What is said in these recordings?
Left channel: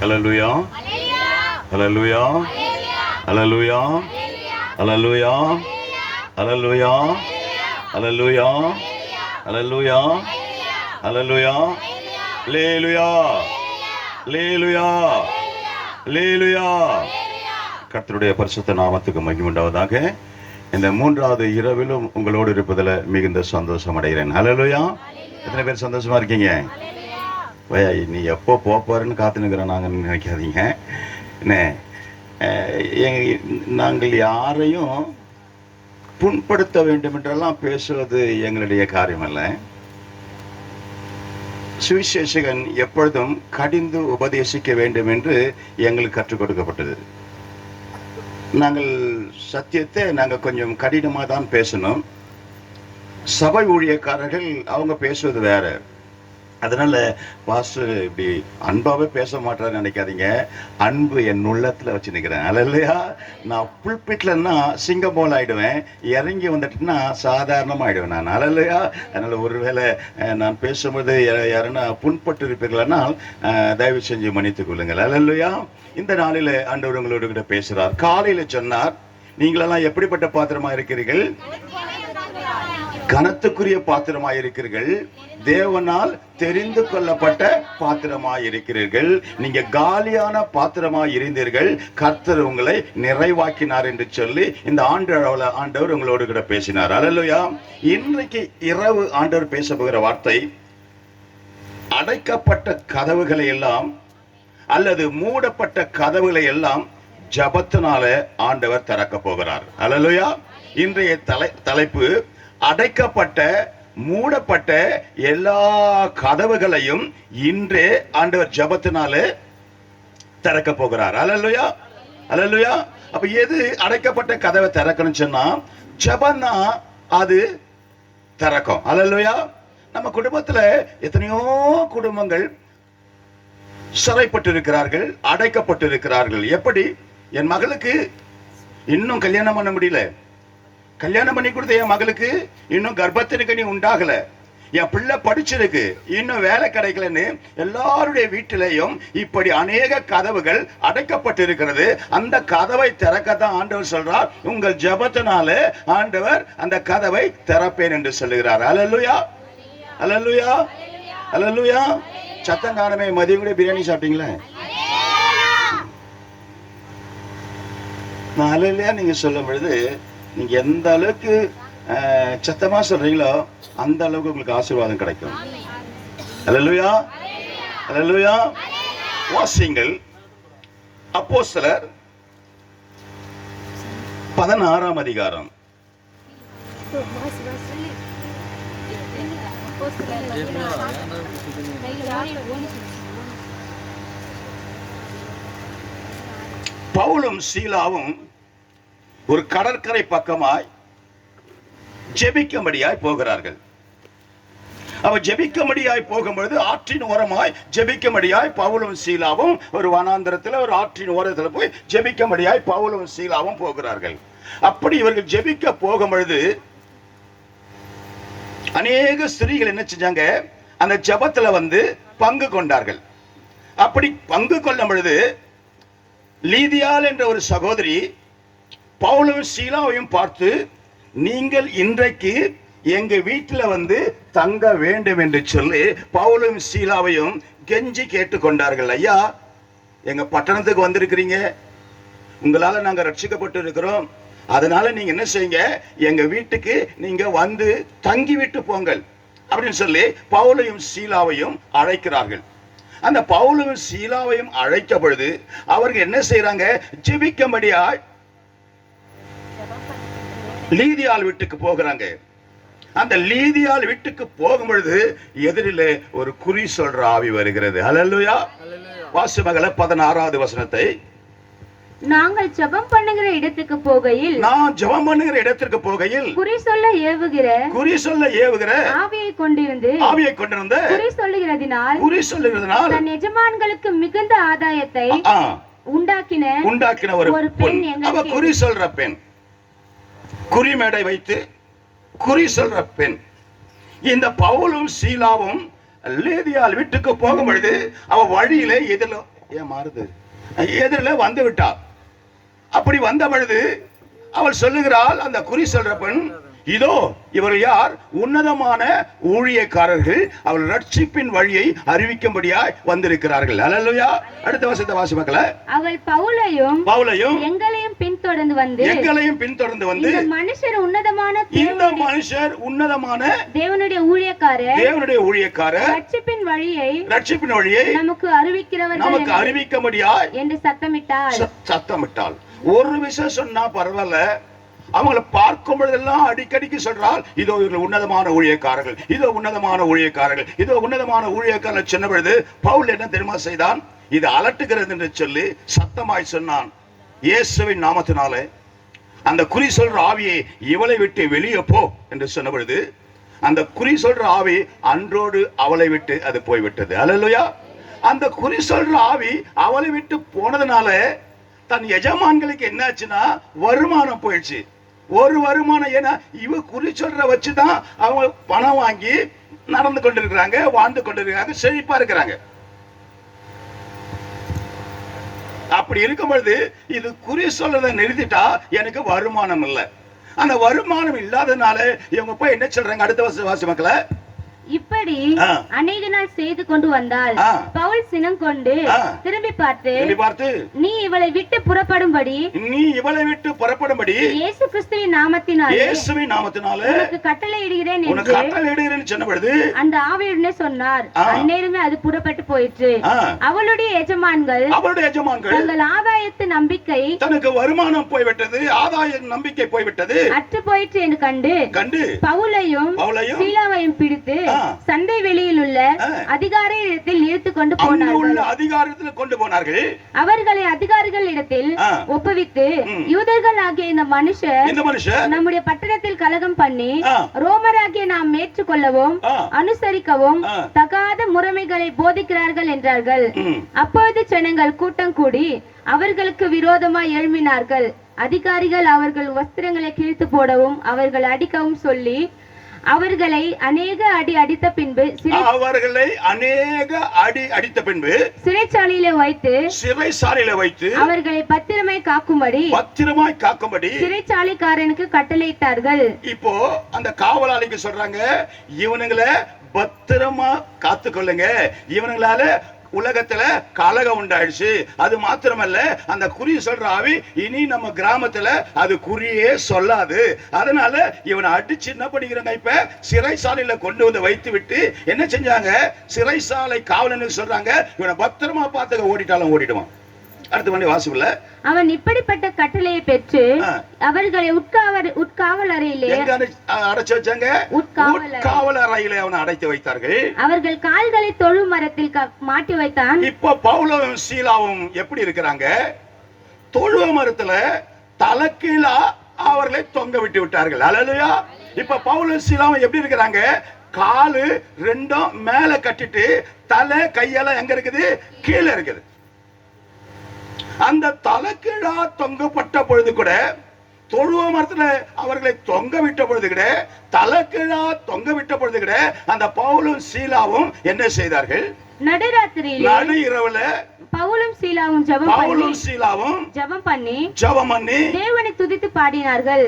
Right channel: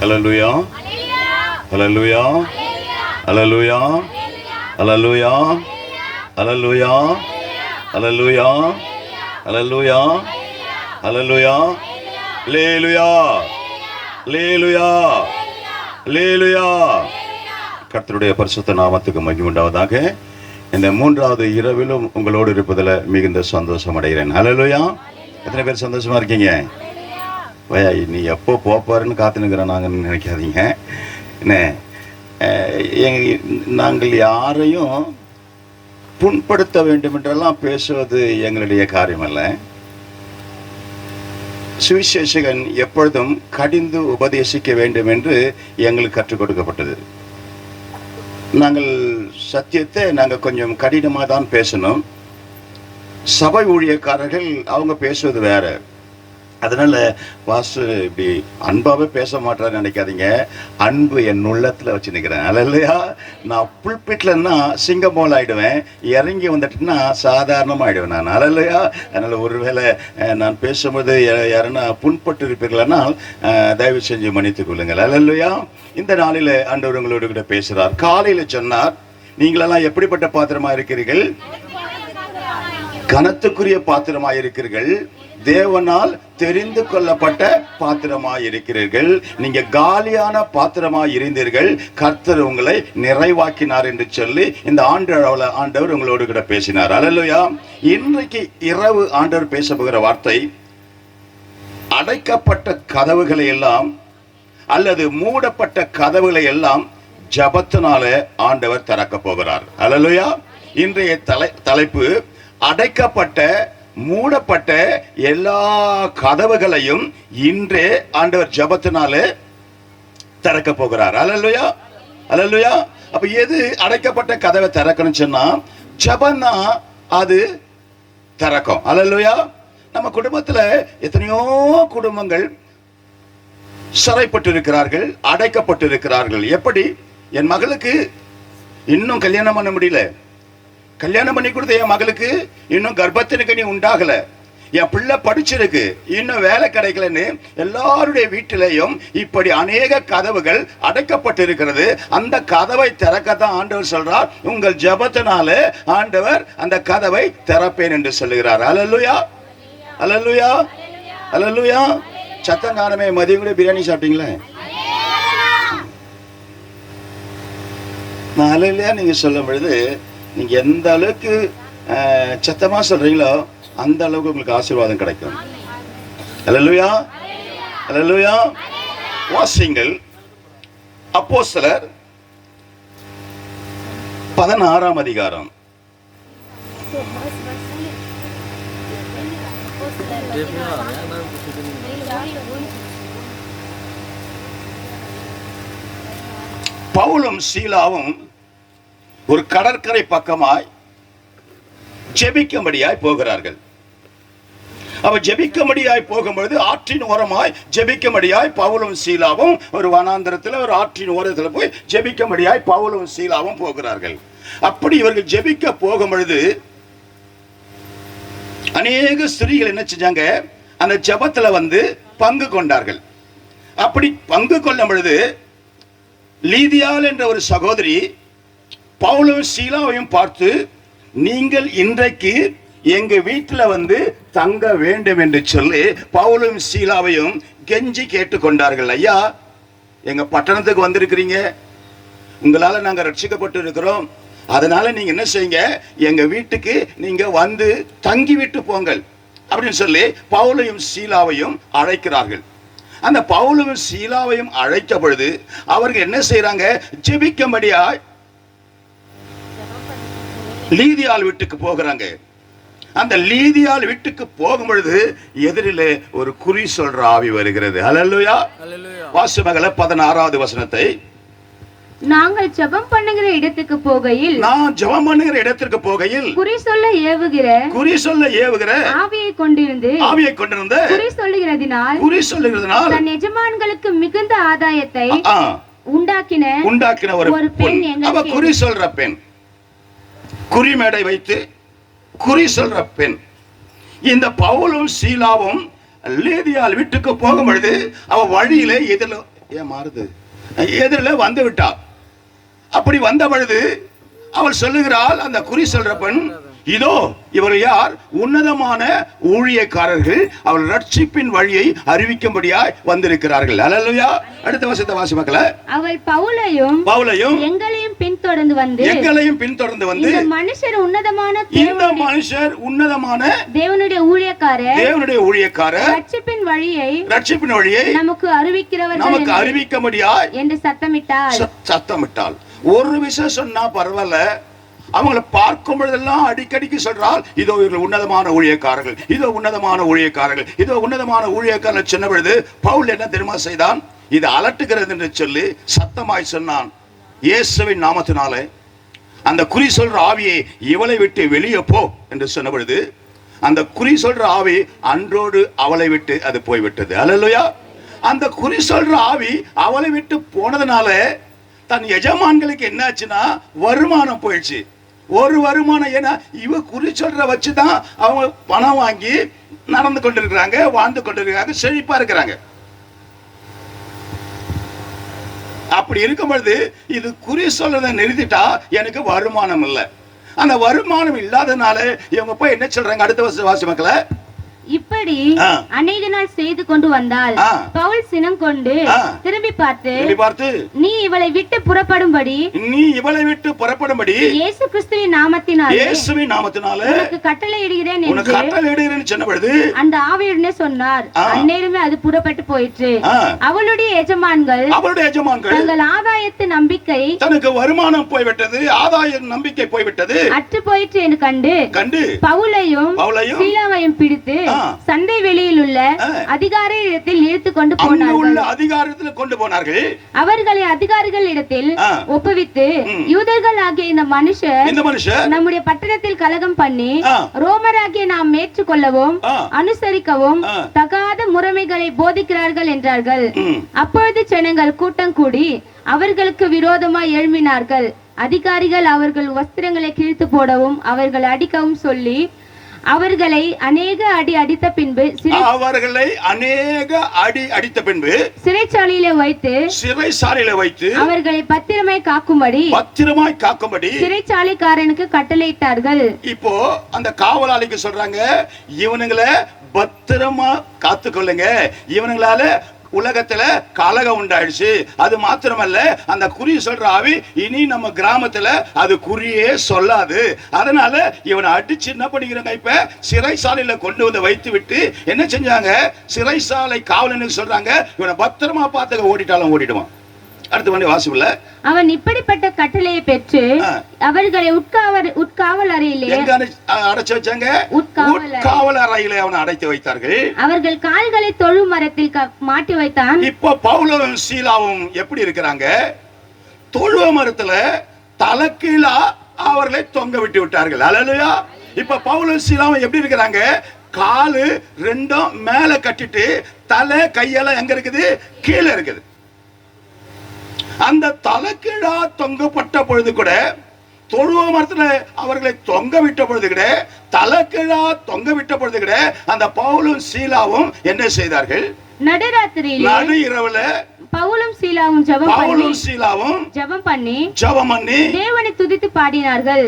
Hallelujah. Hallelujah. Hallelujah. Hallelujah. Hallelujah. Hallelujah. Hallelujah. Hallelujah. Hallelujah. Hallelujah. Hallelujah. கர்த்தருடைய பரிசுத்த நாமத்துக்கு மகிமை உண்டாவதாக. இந்த மூன்றாவது இரவிலும் உங்களோடு இருப்பதில் மிகுந்த சந்தோஷம் அடைகிறேன். ஹல்லேலூயா. எத்தனை பேர் சந்தோஷமா இருக்கீங்க? நீ எப்போ போப்பாருன்னு காத்துனுக்கிறோம் நாங்கள் நினைக்காதீங்க. என்ன, நாங்கள் யாரையும் புண்படுத்த வேண்டும் என்றெல்லாம் பேசுவது எங்களுடைய காரியம் அல்ல. சுவிசேஷகன் எப்பொழுதும் கடிந்து உபதேசிக்க வேண்டும் என்று எங்களுக்கு கற்றுக் கொடுக்கப்பட்டது. நாங்கள் சத்தியத்தை நாங்கள் கொஞ்சம் கடினமாக தான் பேசணும். சபை ஊழியக்காரர்கள் அவங்க பேசுவது வேற. அதனால பாஸ்டர் இப்படி அன்பாவே பேச மாட்டாரு நினைக்காதீங்க. அன்பு என் உள்ளத்துல வச்சு நிற்கிறேன். அல்லையா, நான் புல்பிட்லன்னா சிங்கம் போல் ஆயிடுவேன், இறங்கி வந்துட்டுன்னா சாதாரணமா ஆயிடுவேன் நான். அல்லையா, அதனால ஒருவேளை நான் பேசும்போது யாருன்னா புண்பட்டு இருப்பீர்களானால் தயவு செஞ்சு மன்னித்துக் கொள்ளுங்கள். அல்லையா, இந்த நாளில ஆண்டவர் உங்களோடு கூட பேசுறார். காலையில சொன்னார், நீங்களெல்லாம் எப்படிப்பட்ட பாத்திரமா இருக்கிறீர்கள்? கனத்துக்குரிய பாத்திரமா இருக்கிறீர்கள், தேவனால் தெரிந்து கொள்ளப்பட்ட பாத்திரமாய் இருக்கிறீர்கள். நீங்க காலியான பாத்திரமாய் இருந்தீர்கள், கர்த்தர் உங்களை நிறைவாக்கினார் என்று சொல்லி இந்த ஆண்டவர் உங்களோடு கூட பேசினார். அல்லேலூயா. இன்றைக்கு இரவு ஆண்டவர் பேச போகிற வார்த்தை, அடைக்கப்பட்ட கதவுகளை எல்லாம் அல்லது மூடப்பட்ட கதவுகளை எல்லாம் ஜபத்தினால ஆண்டவர் திறக்க போகிறார். அல்லேலூயா. இன்றைய தலைப்பு, அடைக்கப்பட்ட மூடப்பட்ட எல்லா கதவுகளையும் இன்றே ஆண்டவர் ஜபத்தினாலே திறக்க போகிறார். அல்லேலூயா. அல்லேலூயா. அப்ப எது அடைக்கப்பட்ட கதவை திறக்கணும்னு சொன்னா ஜபம்னா அது திறக்கும். அல்லேலூயா. நம்ம குடும்பத்துல எத்தனையோ குடும்பங்கள் சிறைப்பட்டு இருக்கிறார்கள், அடைக்கப்பட்டு இருக்கிறார்கள். எப்படி? என் மகளுக்கு இன்னும் கல்யாணம் பண்ண முடியல, கல்யாணம் பண்ணி கொடுத்த என் மகளுக்கு இன்னும் கர்ப்பத்திற்கு நீ உண்டாகல, என் பிள்ளை படிச்சிருக்கு இன்னும் வேலை கிடைக்கலன்னு எல்லாருடைய வீட்டிலையும் இப்படி அநேக கதவுகள் அடைக்கப்பட்டு இருக்கிறது. அந்த கதவை திறக்கத்தான் ஆண்டவர் சொல்றார், உங்கள் ஜபத்தினால ஆண்டவர் அந்த கதவை திறப்பேன் என்று சொல்லுகிறார். அல்லேலூயா. அல்லேலூயா. அல்லேலூயா. சத்தம் காணமே. மதியம் கூட பிரியாணி சாப்பிட்டீங்களே? அல்லேலூயா நீங்க சொல்லும் பொழுது நீங்க எந்த அளவுக்கு சத்தமா சொல்றீங்களோ அந்த அளவுக்கு உங்களுக்கு ஆசீர்வாதம் கிடைக்கும். அல்லேலூயா. அல்லேலூயா. வாசிங்கள் அப்போஸ்தலர் 16ஆம் அதிகாரம். பவுலும் சீலாவும் ஒரு கடற்கரை பக்கமாய் ஜெபிக்கும்படியாய் போகிறார்கள். அவ ஜெபிக்கும்படியாய் போகும்பொழுது ஆற்றின் ஓரமாய் ஜெபிக்கும்படியாய் பவுலும் சீலாவும் ஒரு வனாந்தரத்தில் ஒரு ஆற்றின் ஓரத்தில் போய் ஜெபிக்கும்படியாய் பவுலும் சீலாவும் போகிறார்கள். அப்படி இவர்கள் ஜெபிக்க போகும் பொழுது அநேக ஸ்திரீகள் என்ன செஞ்சாங்க, அந்த ஜெபத்துல பங்கு கொண்டார்கள். அப்படி பங்கு கொள்ளும் பொழுது லீதியாள் என்ற ஒரு சகோதரி பவுலும் சீலாவையும் பார்த்து, நீங்கள் இன்றைக்கு எங்க வீட்டில் தங்க வேண்டும் என்று சொல்லி பவுலும் சீலாவையும் கெஞ்சி கேட்டுக்கொண்டார்கள். ஐயா, எங்க பட்டணத்துக்கு வந்திருக்கிறீங்க, உங்களால நாங்க ரட்சிக்கப்பட்டு இருக்கிறோம், அதனால நீங்க என்ன செய்யுங்க, எங்க வீட்டுக்கு நீங்க தங்கி விட்டு போங்கள் அப்படின்னு சொல்லி பவுலையும் சீலாவையும் அழைக்கிறார்கள். அந்த பவுலும் சீலாவையும் அழைத்த பொழுது அவர்கள் என்ன செய்யறாங்க, ஜெபிக்கும்படியா லீதியாள் வீட்டுக்கு போகிறாங்க. அந்த லீதியாள் வீட்டுக்கு போகும் பொழுது எதிரிலே ஒரு குறி சொல்ற ஆவி வருகிறது. அல்லேலூயா. வாசிமகள 16வது வசனத்தை நாங்கள் ஜெபம் பண்ணுகிற இடத்துக்கு போகையில் நான் ஜெபம் பண்ணுகிற இடத்திற்கு போகையில் குறி சொல்ல ஏவுகிற ஆவியை கொண்டிருந்த குறி சொல்லுகிறதினால் தன் எஜமான்களுக்கு மிகுந்த ஆதாயத்தை உண்டாக்கின ஒரு பெண். அவ குறி சொல்ற பெண், குறிமேடை வைத்து குறி சொல்ற பெண். இந்த பவுலும் சீலாவும் லேதியால் வீட்டுக்கு போகும் பொழுது அவ வழியில எதிரில வந்து விட்டாள். அப்படி வந்த பொழுது அவள் சொல்லுகிறாள், அந்த குறி சொல்ற பெண், இதோ இவர் யார்? உன்னதமான ஊழியக்காரர்கள், அவள் ரட்சிப்பின் வழியை அறிவிக்கும்படியாய் வந்திருக்கிறார்கள். அல்லேலூயா. அடுத்த வசனத்தை வாசிப்பாங்களா? அவள் பவுலையும் எங்களையும் பின்தொடர்ந்து வந்து இந்த மனுஷர் உன்னதமான தேவனுடைய ஊழியக்காரர் ரட்சிப்பின் வழியை நமக்கு அறிவிக்கும்படியாய் என்று சத்தமிட்டாள். ஒரு விஷயம் சொன்னா பரவாயில்ல, அவங்களை பார்க்கும் பொழுதெல்லாம் அடிக்கடிக்கு சொல்றால், இதோ இவர்கள் உன்னதமான ஊழியக்காரர்கள், இதோ உன்னதமான ஊழியக்காரர்கள், இதோ உன்னதமான ஊழியக்காரர்கள் சொன்ன பொழுது பவுல் என்ன தெரியுமா செய்தான்? இது அலட்டுகிறது என்று சொல்லி சத்தமாய் சொன்னான், இயேசுவின் நாமத்தினாலே அந்த குறி சொல்ற ஆவியை இவளை விட்டு வெளியே போ என்று சொன்ன பொழுது அந்த குறி சொல்ற ஆவி அன்றோடு அவளை விட்டு அது போய்விட்டது. அல்லேலூயா. அந்த குறி சொல்ற ஆவி அவளை விட்டு போனதுனால தன் எஜமான்களுக்கு என்னாச்சுன்னா வருமானம் போயிடுச்சு. ஒரு வருமானம், ஏன்னா இவ குறி சொல்ற வச்சுதான் அவங்க பணம் வாங்கி நடந்து கொண்டிருக்கிறாங்க, வாழ்ந்து கொண்டிருக்கிறாங்க, செழிப்பா இருக்கிறாங்க. அப்படி இருக்கும் பொழுது இது குறி சொல்றதை நிறுத்திட்டா எனக்கு வருமானம் இல்லை. அந்த வருமானம் இல்லாதனால இவங்க போய் என்ன சொல்றாங்க? அடுத்த வாசி மக்களை, இப்படி அநேக நாள் செய்து கொண்டு வந்தால் பவுல் சினம் கொண்டு திரும்பி பார்த்து நீ இவளை விட்டு புறப்படும்படி இயேசு கிறிஸ்துவின் நாமத்தினாலே உனக்கு கட்டளையிடுகிறேன் என்று சொன்ன பொழுது அந்த ஆவியுடனே சொன்னார். அந்நேரமே அது புறப்பட்டு போயிற்று. அவளுடைய எஜமான்கள் தங்கள் ஆதாயத்து நம்பிக்கை, தனக்கு வருமானம் போய்விட்டது, ஆதாய நம்பிக்கை போய்விட்டது, அற்று போயிற்று என்று கண்டு பவுலையும் சீலாவையும் பிடித்து சந்தை வெளியில் உள்ள அதிகாரியிடத்தில் இழுத்து கொண்டு போனார்கள். அவர்களை அதிகாரிகள் இடத்தில் ஒப்புவித்து, யூதர்கள் ஆகிய இந்த மனுஷர் நம்முடைய பட்டணத்தில் கலகம் பண்ணி ரோமராகிய நாம் ஏற்றுக்கொள்ளவும் அனுசரிக்கவும் தகாத முறைமைகளை போதிக்கிறார்கள் என்றார்கள். அப்பொழுது ஜனங்கள் கூட்டம் கூடி அவர்களுக்கு விரோதமாய் எழும்பினார்கள். அதிகாரிகள் அவர்கள் வஸ்திரங்களை கிழித்து போடவும் அவர்கள் அடிக்கவும் சொல்லி அவர்களை அநேக அடி அடித்த பின்பு சிறைச்சாலையில வைத்து அவர்களை பத்திரமாய் காக்கும்படி சிறைச்சாலைக்காரனுக்கு கட்டளையிட்டார்கள். இப்போ அந்த காவலாளிக்கு சொல்றாங்க, இவனுங்களை பத்திரமா காத்துக்கொள்ளுங்க, இவனுங்களால உலகத்துல கலகம் உண்டாயிடுச்சு. அது மாத்திரமல்ல, அந்த குறி சொல்ற ஆவி இனி நம்ம கிராமத்துல அது குறியே சொல்லாது. அதனால இவனை அடிச்சு என்ன பண்ணிக்கிறாங்க? இப்ப சிறைசாலையில கொண்டு வந்து வைத்து விட்டு என்ன செஞ்சாங்க? சிறைசாலை காவலனுக்கு சொல்றாங்க, இவனை பத்திரமா பார்த்து ஓடிட்டாலும் ஓடிடுவான். அடுத்த மணி வாசிப்புல அவன் இப்படிப்பட்ட கட்டளையை பெற்று அவர்களை உட்காவல் அறையிலே அடைச்சு வச்சாங்க. உட்காவல் அறையிலே அவனை அடைத்து வைத்தார்கள். அவர்கள் கால்களை தொழு மரத்தில் மாட்டி வைத்தான். இப்போ பவுலும் சீலாவும் எப்படி இருக்கிறாங்க? தொழு மரத்துல தலைக்கீழா அவர்களை தொங்க விட்டு விட்டார்கள். அல்லேலூயா. இப்ப பவுலும் சீலாவும் எப்படி இருக்கிறாங்க? காலு ரெண்டும் மேல கட்டிட்டு தலை கையெல்லாம் எங்க இருக்குது? கீழே இருக்குது. அந்த தலைக்கீழா தொங்கப்பட்ட பொழுது கூட, தொழுவ மரத்துல அவர்களை தொங்க விட்ட பொழுது கூட, தலைக்கீழா தொங்க விட்ட பொழுது கூட அந்த பவுலும் சீலாவும் என்ன செய்தார்கள்? நடு இரவுல பவுலும் சீலாவும் ஜெபம் பண்ணி தேவனை துதித்து பாடினார்கள்.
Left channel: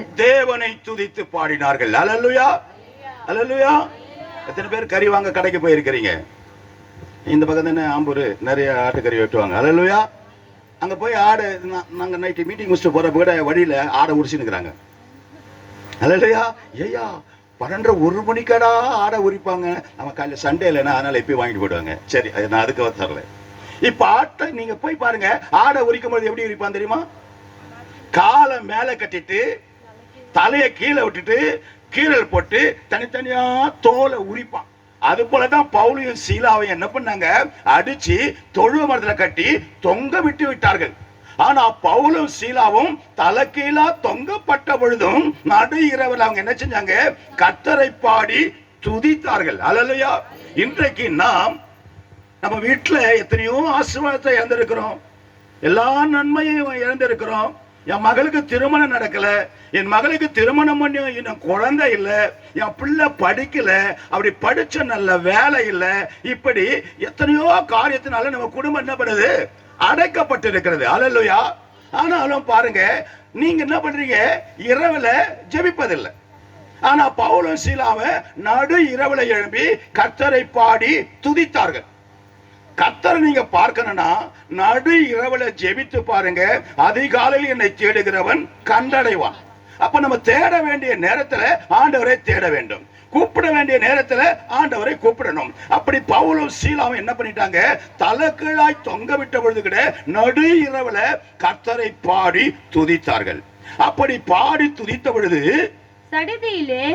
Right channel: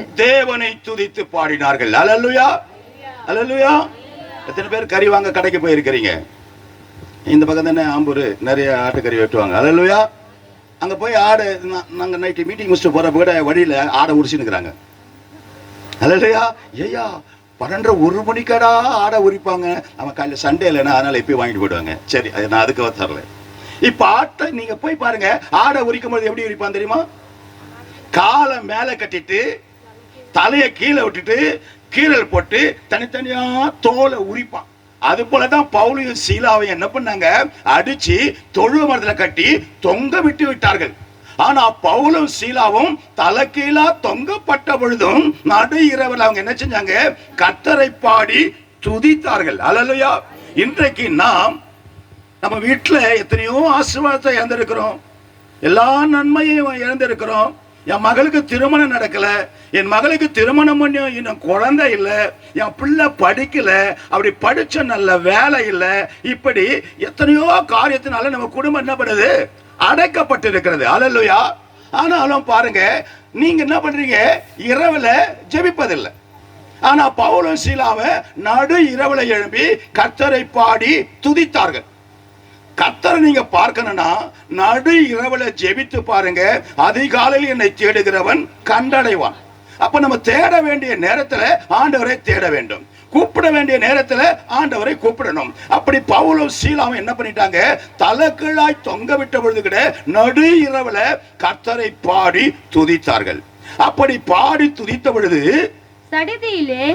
அல்லேலூயா. அல்லேலூயா. எத்தனை பேர் கறி வாங்க கடைக்கு போயிருக்கிறீங்க? இந்த பக்கம் தானே ஆம்பூர் நிறைய ஆட்டுக்கறி வெட்டுவாங்க. அல்லேலூயா. அங்கே போய் ஆடு, நாங்கள் நைட்டு மீட்டிங் முடிச்சுட்டு போகிறப்ப கூட வழியில் ஆடை உரிச்சுன்னுக்குறாங்க. அல்லையா, ஐயா 12-1 மணிக்கடா ஆடை உரிப்பாங்க. நம்ம காலையில் சண்டே இல்லைன்னா அதனால் எப்பயும் வாங்கிட்டு போயிடுவாங்க. சரி, நான் அதுக்கு தரல. இப்போ ஆட்டை நீங்கள் போய் பாருங்க, ஆடை உரிக்கும் போது எப்படி உரிப்பான் தெரியுமா? காலை மேலே கட்டிட்டு தலையை கீழே விட்டுட்டு கீழல் போட்டு தனித்தனியா தோலை உரிப்பான். அது போலதான் பவுலையும் சீலாவையும் என்ன பண்ணாங்க? அடிச்சு தொழுவ மரத்துல கட்டி தொங்க விட்டு விட்டார்கள். ஆனா பவுலும் சீலாவும் தலைகீழா தொங்கப்பட்ட பொழுதும் நடு இரவில் அவங்க என்ன செஞ்சாங்க? கர்த்தரை பாடி துதித்தார்கள். அல்லேலூயா. இன்றைக்கு நம்ம வீட்டுல எத்தனையோ ஆசீர்வாதத்தை இழந்திருக்கிறோம், எல்லா நன்மையும் இழந்திருக்கிறோம். என் மகளுக்கு திருமணம் நடக்கல, என் மகளுக்கு திருமணம் பண்ணி இன்னும் குழந்தை இல்லை, என் பிள்ளை படிக்கல, அப்படி படிச்ச நல்ல வேலை இல்லை, இப்படி எத்தனையோ காரியத்தினால நம்ம குடும்பம் என்ன பண்ணுது? அடைக்கப்பட்டிருக்கிறது. அல்லேலூயா. ஆனாலும் பாருங்க, நீங்க என்ன பண்றீங்க? இரவுல ஜெபிப்பதில்லை. ஆனா பவுலும் சீலாவை நடு இரவுல எழும்பி கர்த்தரை பாடி துதித்தார்கள். கர்த்தரை நீங்க பார்க்கணும்னா நடு இரவுல ஜெபித்து பாருங்க. அதிகாலையில் என்னை தேடுகிறவன் கண்டடைவான். அப்ப நம்ம தேட வேண்டிய நேரத்துல ஆண்டவரை தேட வேண்டும், கூப்பிட வேண்டிய நேரத்துல ஆண்டவரை கூப்பிடணும். அப்படி பவுலும் சீலாவும் என்ன பண்ணிட்டாங்க? தலைகீழாய் தொங்க விட்ட பொழுது கூட நடு இரவுல கர்த்தரை பாடி துதித்தார்கள். அப்படி பாடி துதித்த பொழுது சடிதியிலே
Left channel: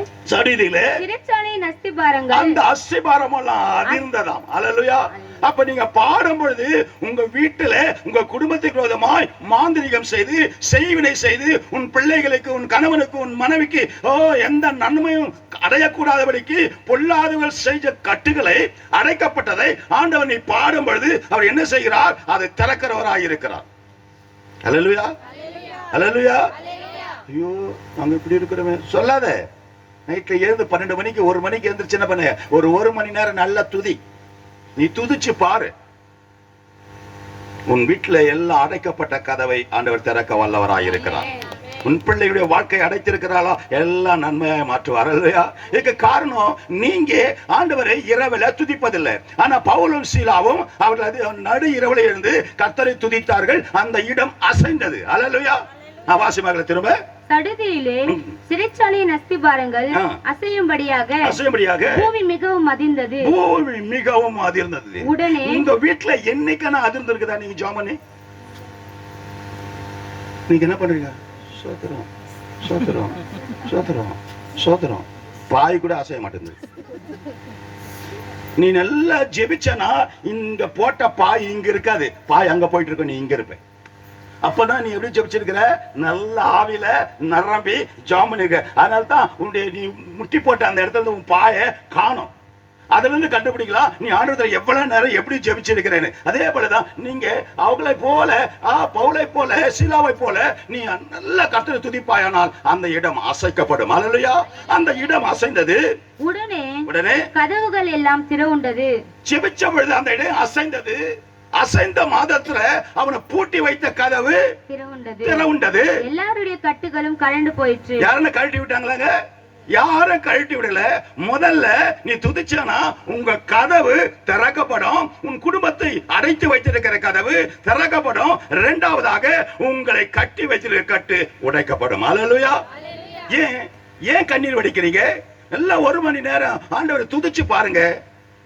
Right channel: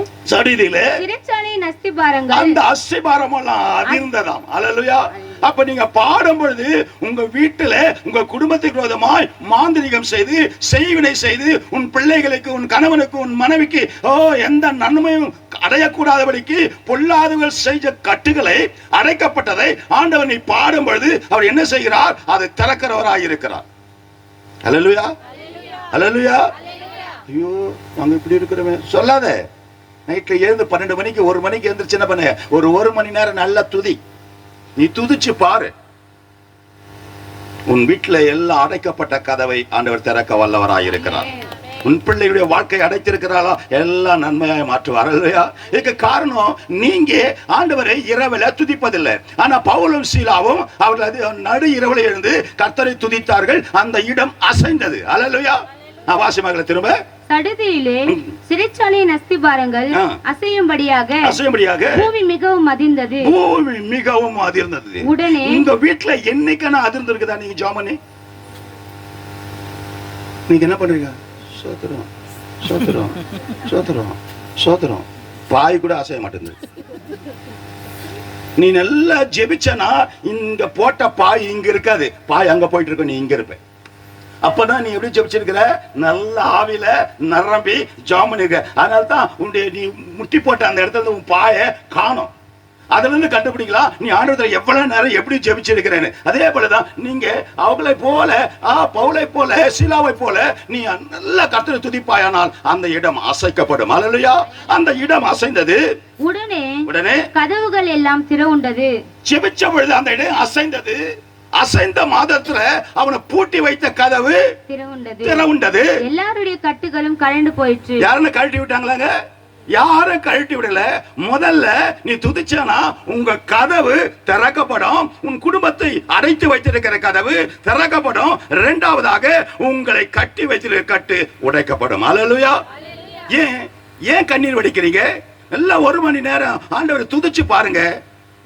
சிறைச்சாலையின் அஸ்திபாரங்கள், அந்த அஸ்திபாரம் எல்லாம் அதிர்ந்ததாம். அல்லேலூயா. அப்ப நீங்க பாடும் பொழுது உங்க வீட்டுல உங்க குடும்பத்துக்கு விரோதமாய் மாந்திரிகம் செய்து, செய்வினை செய்து, உன் பிள்ளைகளுக்கு, உன் கணவனுக்கு, உன் மனைவிக்கு எந்த நன்மையும் அடையக்கூடாதபடிக்கு பொல்லாதவர்கள் செய்த கட்டுகளை, அடைக்கப்பட்டதை ஆண்டவர் நீ பாடும் பொழுது அவர் என்ன செய்கிறார்? அதை திறக்கிறவராய் இருக்கிறார். அல்லேலூயா. அல்லேலூயா. ஐயோ, நாங்க இப்படி இருக்கிறோமே சொல்லாத. நைட்ல எழுந்து 12 மணிக்கு 1 மணிக்கு எழுந்திருச்சு என்ன பண்ண? ஒரு மணி நேரம் நல்லா துதி. நீ துதிச்சு பாரு. உன் வீட்டுல எல்லாம் அடைக்கப்பட்ட கதவை ஆண்டவர் திறக்க வல்லவராய் இருக்கிறார். உன் பிள்ளையுடைய வாழ்க்கை அடைத்திருக்கிறாளா? எல்லாம் நன்மையாய் மாற்றுவார். இல்லையா? இதுக்கு காரணம் நீங்க ஆண்டவரை இரவுல துதிப்பதில்லை. ஆனா பவுலும் சீலாவும் அவர்கள் நடு இரவுல எழுந்து கர்த்தரை துதித்தார்கள். அந்த இடம் அசைந்தது. அல்லேலூயா. வாசிமகளை திரும்ப. சடுதியிலே சிறைச்சாலையின் அஸ்திபாரங்கள் அசையும்படியாக பூமி மிகவும் அதிர்ந்தது. பூமி மிகவும் அதிர்ந்தது. உடனே உங்க வீட்டுல என்னைக்கான அதிர்ந்திருக்குதா? நீங்க ஜாமனே நீங்க என்ன பண்றீங்க? சோத்திரம் சோத்திரம் சோத்திரம் சோத்திரம். பாய் கூட அசைய மாட்டேங்குது. நீ நல்லா ஜெபிச்சனா இங்க போட்ட பாய் இங்க இருக்காது, பாய் அங்க போயிட்டு இருக்க, நீ இங்க இருப்ப. அப்பதான் நீ எப்படி ஜெபிச்சிருக்கிற? நல்ல ஆவில நிரம்பி ஜாமனுக்கு. அதனால்தான் உன்னுடைய நீ முட்டி போட்ட அந்த இடத்துல உன் பாய காணும். அதுல இருந்து கண்டுபிடிக்கலாம் நீ ஆண்டவரை எவ்வளவு நேரம் எப்படி ஜெபிச்சிருக்கிறேன்னு. அதே போலதான் நீங்க அவங்களை போல, பவுலை போல, சீலாவை போல நீ நல்ல கர்த்தரை துதிப்பாயானால் அந்த இடம் அசைக்கப்படும். அல்லேலூயா. அந்த இடம் அசைந்தது. உடனே கதவுகள் எல்லாம் திறவுண்டது. ஜெபிச்ச பொழுது அந்த இடம் அசைந்தது. அசைந்த மாதத்துல அவனை பூட்டி வைத்த கதவு திறவுண்டது. எல்லாருடைய கட்டுகளும் கழண்டு போயிற்று. யாருன்னு கழட்டி விட்டாங்களாங்க? யாரும் கழட்டி விடல. முதல்ல நீ துதிச்சானா உங்க கதவு திறக்கப்படும். உன் குடும்பத்தை அடைத்து வைத்திருக்கிற கதவு திறக்கப்படும். இரண்டாவதாக உங்களை கட்டி வைத்திருக்கிற கட்டு உடைக்கப்படும். அல்லேலூயா. ஏன் கண்ணீர் வடிக்கிறீங்க? எல்லாம் 1 மணி நேரம் ஆண்டவரை துதிச்சு பாருங்க.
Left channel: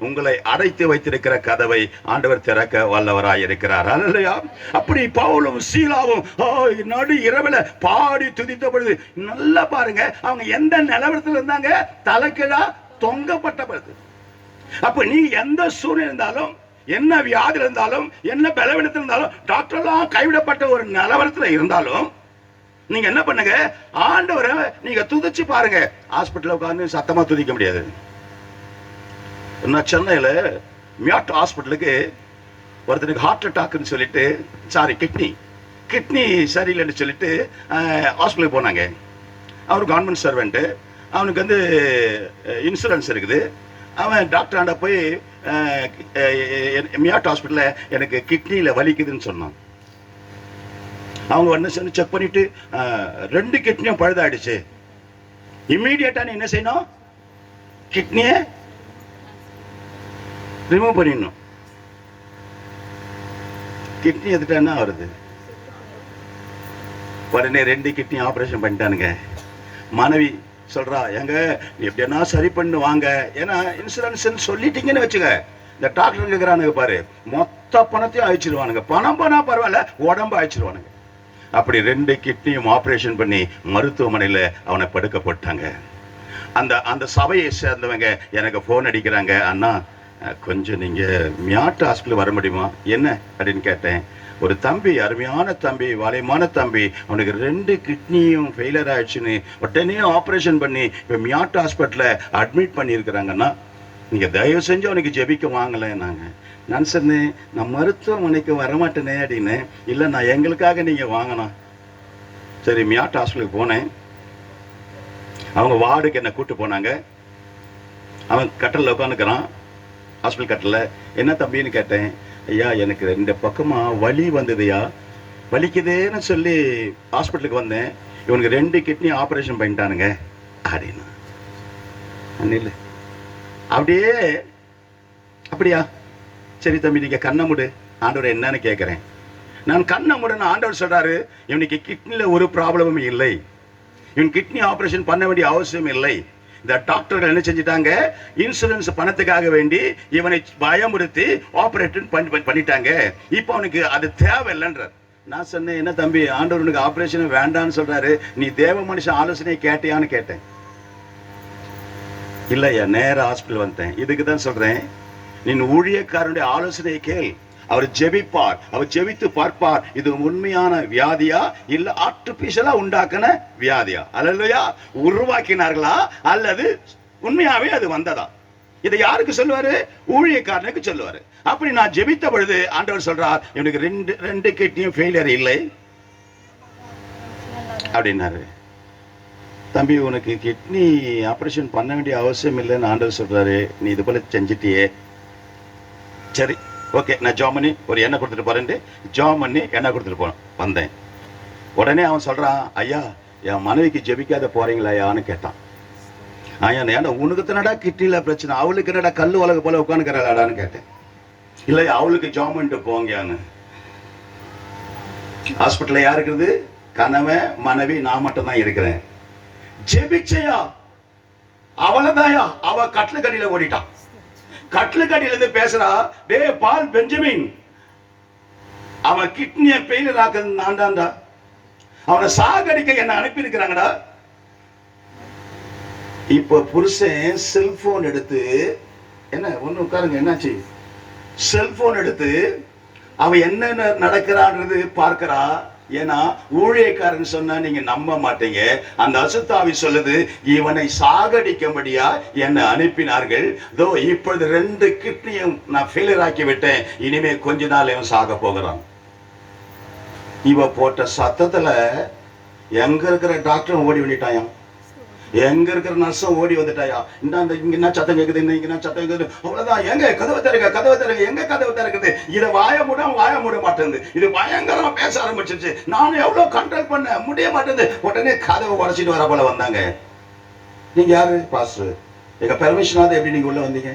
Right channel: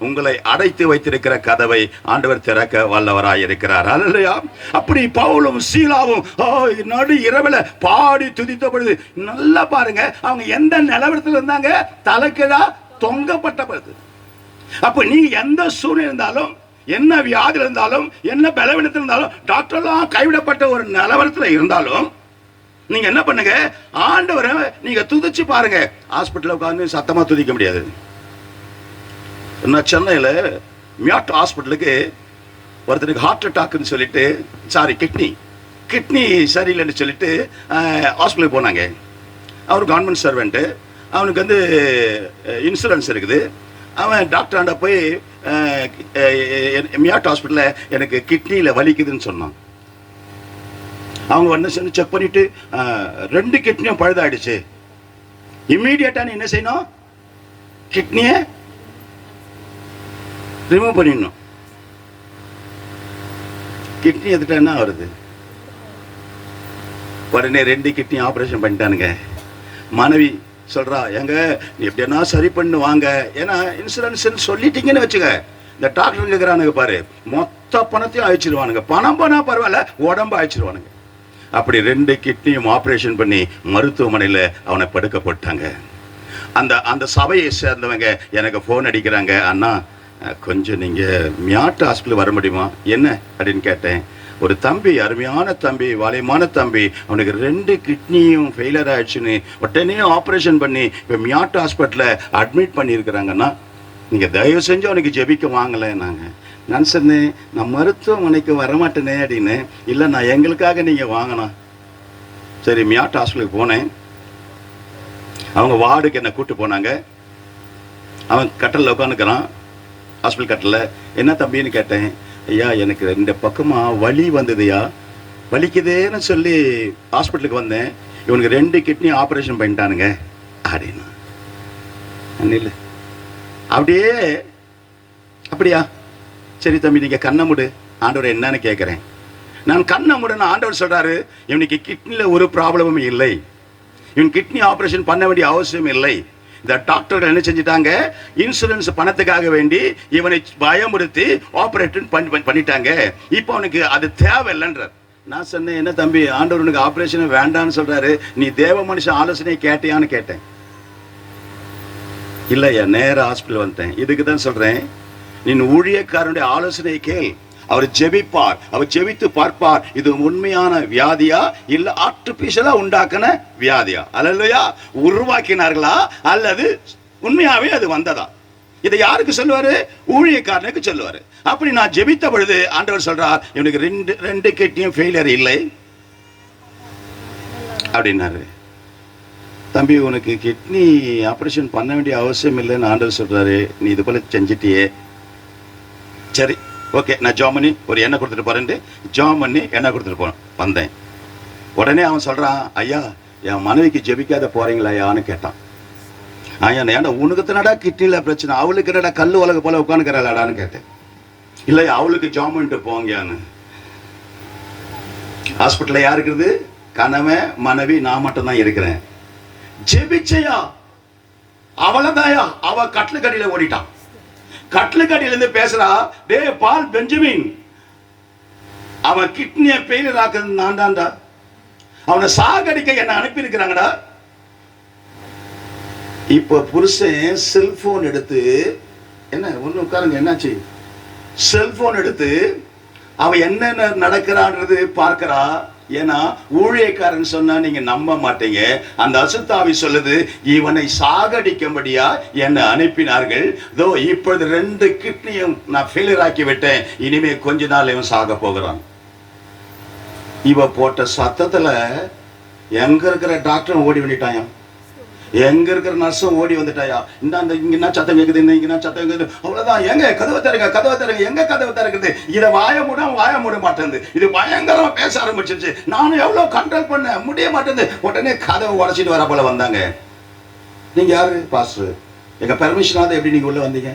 உங்களை அடைத்து வைத்திருக்கிற கதவை ஆண்டவர் திறக்க வல்லவராய் இருக்கிறார். அல்லேலூயா. அப்படி பவுலும் சீலாவும் நடு இரவுல பாடி துதித்த பொழுது நல்லா பாருங்க, அவங்க எந்த நிலவரத்தில் இருந்தாங்க? தலைகீழா தொங்கப்பட்ட பொழுது. அப்ப நீ எந்த சூழ்நிலை இருந்தாலும், என்ன வியாதி இருந்தாலும், என்ன பலவீனத்தில் இருந்தாலும், டாக்டர்லாம் கைவிடப்பட்ட ஒரு நிலவரத்தில் இருந்தாலும் நீங்க என்ன பண்ணுங்க? ஆண்டவரை நீங்க துதிச்சு பாருங்க. ஹாஸ்பிட்டல் உட்கார்ந்து சத்தமா துதிக்க முடியாது. சென்னையில் மியாட் ஹாஸ்பிட்டலுக்கு ஒருத்தருக்கு ஹார்ட் அட்டாக்னு சொல்லிட்டு, சாரி கிட்னி சரியில்லைன்னு சொல்லிட்டு ஹாஸ்பிட்டலுக்கு போனாங்க. அவர் கவர்மெண்ட் சர்வெண்ட்டு, அவனுக்கு வந்து இன்சூரன்ஸ் இருக்குது. அவன் டாக்டராண்ட போய் மியாட் ஹாஸ்பிட்டலில் எனக்கு கிட்னியில் வலிக்குதுன்னு சொன்னான். அவங்க வந்து செக் பண்ணிட்டு 2 கிட்னியும் பழுதாயிடுச்சு. இம்மீடியட்டா நீ என்ன செய்யணும்? கிட்னியை ரிமூவ் பண்ணிடணும். கிட்னி எடுத்துட்டா என்ன வருது? உடனே 2 கிட்னி ஆபரேஷன் பண்ணிட்டானுங்க. மனைவி சொல்றா, எங்க நீ எப்படின்னா சரி பண்ணுவாங்க, ஏன்னா இன்சூரன்ஸ் சொல்லிட்டீங்கன்னு வச்சுக்க, இந்த டாக்டர் கேட்கிறானுங்க பாரு, மொத்த பணத்தையும் அழிச்சிருவானுங்க. பணம் போனா பரவாயில்ல, உடம்பு அழிச்சிருவானுங்க. அப்படி 2 கிட்னியும் ஆபரேஷன் பண்ணி மருத்துவமனையில் அவனை படுக்க போட்டாங்க. அந்த சபையை சேர்ந்தவங்க எனக்கு போன் அடிக்கிறாங்க, அண்ணா கொஞ்சம் நீங்க மியாட்டு ஹாஸ்பிட்டல் வர முடியுமா என்ன அப்படின்னு கேட்டேன். ஒரு தம்பி, அருமையான தம்பி, வாலியமான தம்பி, அவனுக்கு 2 கிட்னியும் ஃபெயிலியர் ஆயிடுச்சுன்னு உடனே ஆப்ரேஷன் பண்ணி இப்போ மியாட்டு ஹாஸ்பிட்டலில் அட்மிட் பண்ணியிருக்கிறாங்கன்னா நீங்கள் தயவு செஞ்சு அவனுக்கு ஜெபிக்க வாங்கலை. நான் சொன்னேன், நான் மருத்துவமனைக்கு வரமாட்டேனே அப்படின்னு. இல்லை, நான் எங்களுக்காக நீங்கள் வாங்கினேன். சரி, மியாட்டு ஹாஸ்பிட்டலுக்கு போனேன். அவங்க வார்டுக்கு என்னை கூப்பிட்டு போனாங்க. அவன் கட்டலில் உட்காந்துக்கிறான், ஹாஸ்பிட்டல் கட்டலில். என்ன தம்பின்னு கேட்டேன். ஐயா, எனக்கு 2 பக்கமாக வலி வந்ததுயா, வலிக்குதேன்னு சொல்லி ஹாஸ்பிட்டலுக்கு வந்தேன். இவனுக்கு 2 கிட்னி ஆப்ரேஷன் பண்ணிட்டானுங்க அப்படின்னா. இல்லை அப்படியே அப்படியா, சரி தம்பி நீங்கள் கண்ணை மூடு, ஆண்டவர் என்னன்னு கேட்குறேன். நான் கண்ணை மூடன்னு ஆண்டவர் சொல்கிறாரு, இவனுக்கு கிட்னியில் ஒரு ப்ராப்ளமும் இல்லை, இவன் கிட்னி ஆப்ரேஷன் பண்ண வேண்டிய அவசியம் இல்லை. இந்த டாக்டர்கள் என்ன செஞ்சிட்டாங்க, இன்சூரன்ஸ் பணத்துக்காக வேண்டி இவனை பயமுறுத்தி ஆப்ரேஷன் பண்ணிட்டாங்க. இப்போ அவனுக்கு அது தேவையில்லைன்றார். நான் சொன்னேன், என்ன தம்பி, ஆண்டவனுக்கு ஆப்ரேஷன் வேண்டான்னு சொல்றாரு, நீ தேவ மனுஷன் ஆலோசனை கேட்டியான்னு கேட்டேன். இல்லையா, நேர ஹாஸ்பிட்டல் வந்தேன். இதுக்கு தான் சொல்றேன், நீ ஊழியக்காரனுடைய ஆலோசனையை கேள். அவர் ஜெபிப்பார், அவர் ஜெபித்து பார்ப்பார், இது உண்மையான வியாதியா இல்ல ஆர்டிபிஷியலா உண்டாக்கின வியாதியா, அல்லையா உருவாக்கினார்களா அல்லது உண்மையாவே அது வந்ததா. இதை யாருக்கு சொல்லுவாரு? ஊழியக்காரனுக்கு சொல்லுவாரு. அப்படி நான் ஜெபித்த பொழுது ஆண்டவர் சொல்றார், இவனுக்கு 2 கிட்னியும் ஃபெயிலியர் இல்லை அப்படின்னாரு. தம்பி, உனக்கு கிட்னி ஆப்ரேஷன் பண்ண வேண்டிய அவசியம் இல்லைன்னு ஆண்டவர் சொல்றாரு, நீ இது போல செஞ்சிட்டியே. சரி, ஓகே, நான் ஜாமனி ஒரு எண்ணெய் கொடுத்துட்டு போறேன்ட்டு ஜாமனி எண்ணெய் கொடுத்துட்டு வந்தேன். உடனே அவன் சொல்றான், ஐயா, என் மனைவிக்கு ஜெபிக்காத போறீங்களாயான்னு கேட்டான். ஐயா, ஏன்னா உனக்கு தானடா கிட்னில பிரச்சனை, அவளுக்கு என்னடா கல் உலக போல உட்காந்துக்கிறாளாடான்னு கேட்டேன். இல்லையா, அவளுக்கு ஜாமன்ட்டு போங்கன்னு. ஹாஸ்பிட்டல்ல யார் இருக்குது? கணவன், மனைவி, நான் மட்டும் தான் இருக்கிறேன். ஜெபிச்சையா, அவளதாயா, அவ கட்டில கடியில ஓடிட்டான். கட்லுக்கடியில இருந்து பேசுறா, டே பால் பெஞ்சமின், அவன் கிட்னியை பெயிலர் ஆக்குறது நான் தான்டா, அவனை சாகடிக்க என்ன அனுப்பி இருக்கிறாங்கடா. இப்ப புருஷன் செல்போன் எடுத்து, என்ன ஒண்ணு உட்காருங்க, என்னாச்சு, செல்போன் எடுத்து அவன் என்னென்ன நடக்கிறான்றது பார்க்கிறா. ஏன்னா ஊழியக்காரன் சொன்னா நீங்க நம்ப மாட்டீங்க. அந்த அசுத்தாவி சொல்லுது, இவனை சாகடிக்கும்படியா என்னை அனுப்பினார்கள். இதோ இப்பொழுது 2 கிட்னியும் நான் ஃபெயிலியர் ஆக்கி விட்டேன், இனிமே கொஞ்ச நாள் இவன் சாக போகிறான். இவ போட்ட சத்தத்துல எங்க இருக்கிற டாக்டரும் ஓடி வந்துட்டாயா, எங்க இருக்கிற நர்ஸும் ஓடி வந்துட்டாயா. இங்க என்ன சத்தம் கேக்குது, இங்க என்ன சத்தம் கேக்குது, அவ்வளவுதான். எங்க கதவை திறங்க, கதவை திறங்க, எங்க கதவை திறக்குது. இதை வாய மூட மாட்டேங்குது. இது பயங்கரமா பேச ஆரம்பிச்சிருச்சு. நானும் எவ்வளவு கண்ட்ரோல் பண்ண முடிய மாட்டேங்குது. உடனே கதவை உடைச்சிட்டு வர போல வந்தாங்க. நீங்க யாரு? பாஸ்டர். எங்க பெர்மிஷனாவது எப்படி நீங்க உள்ள வந்தீங்க?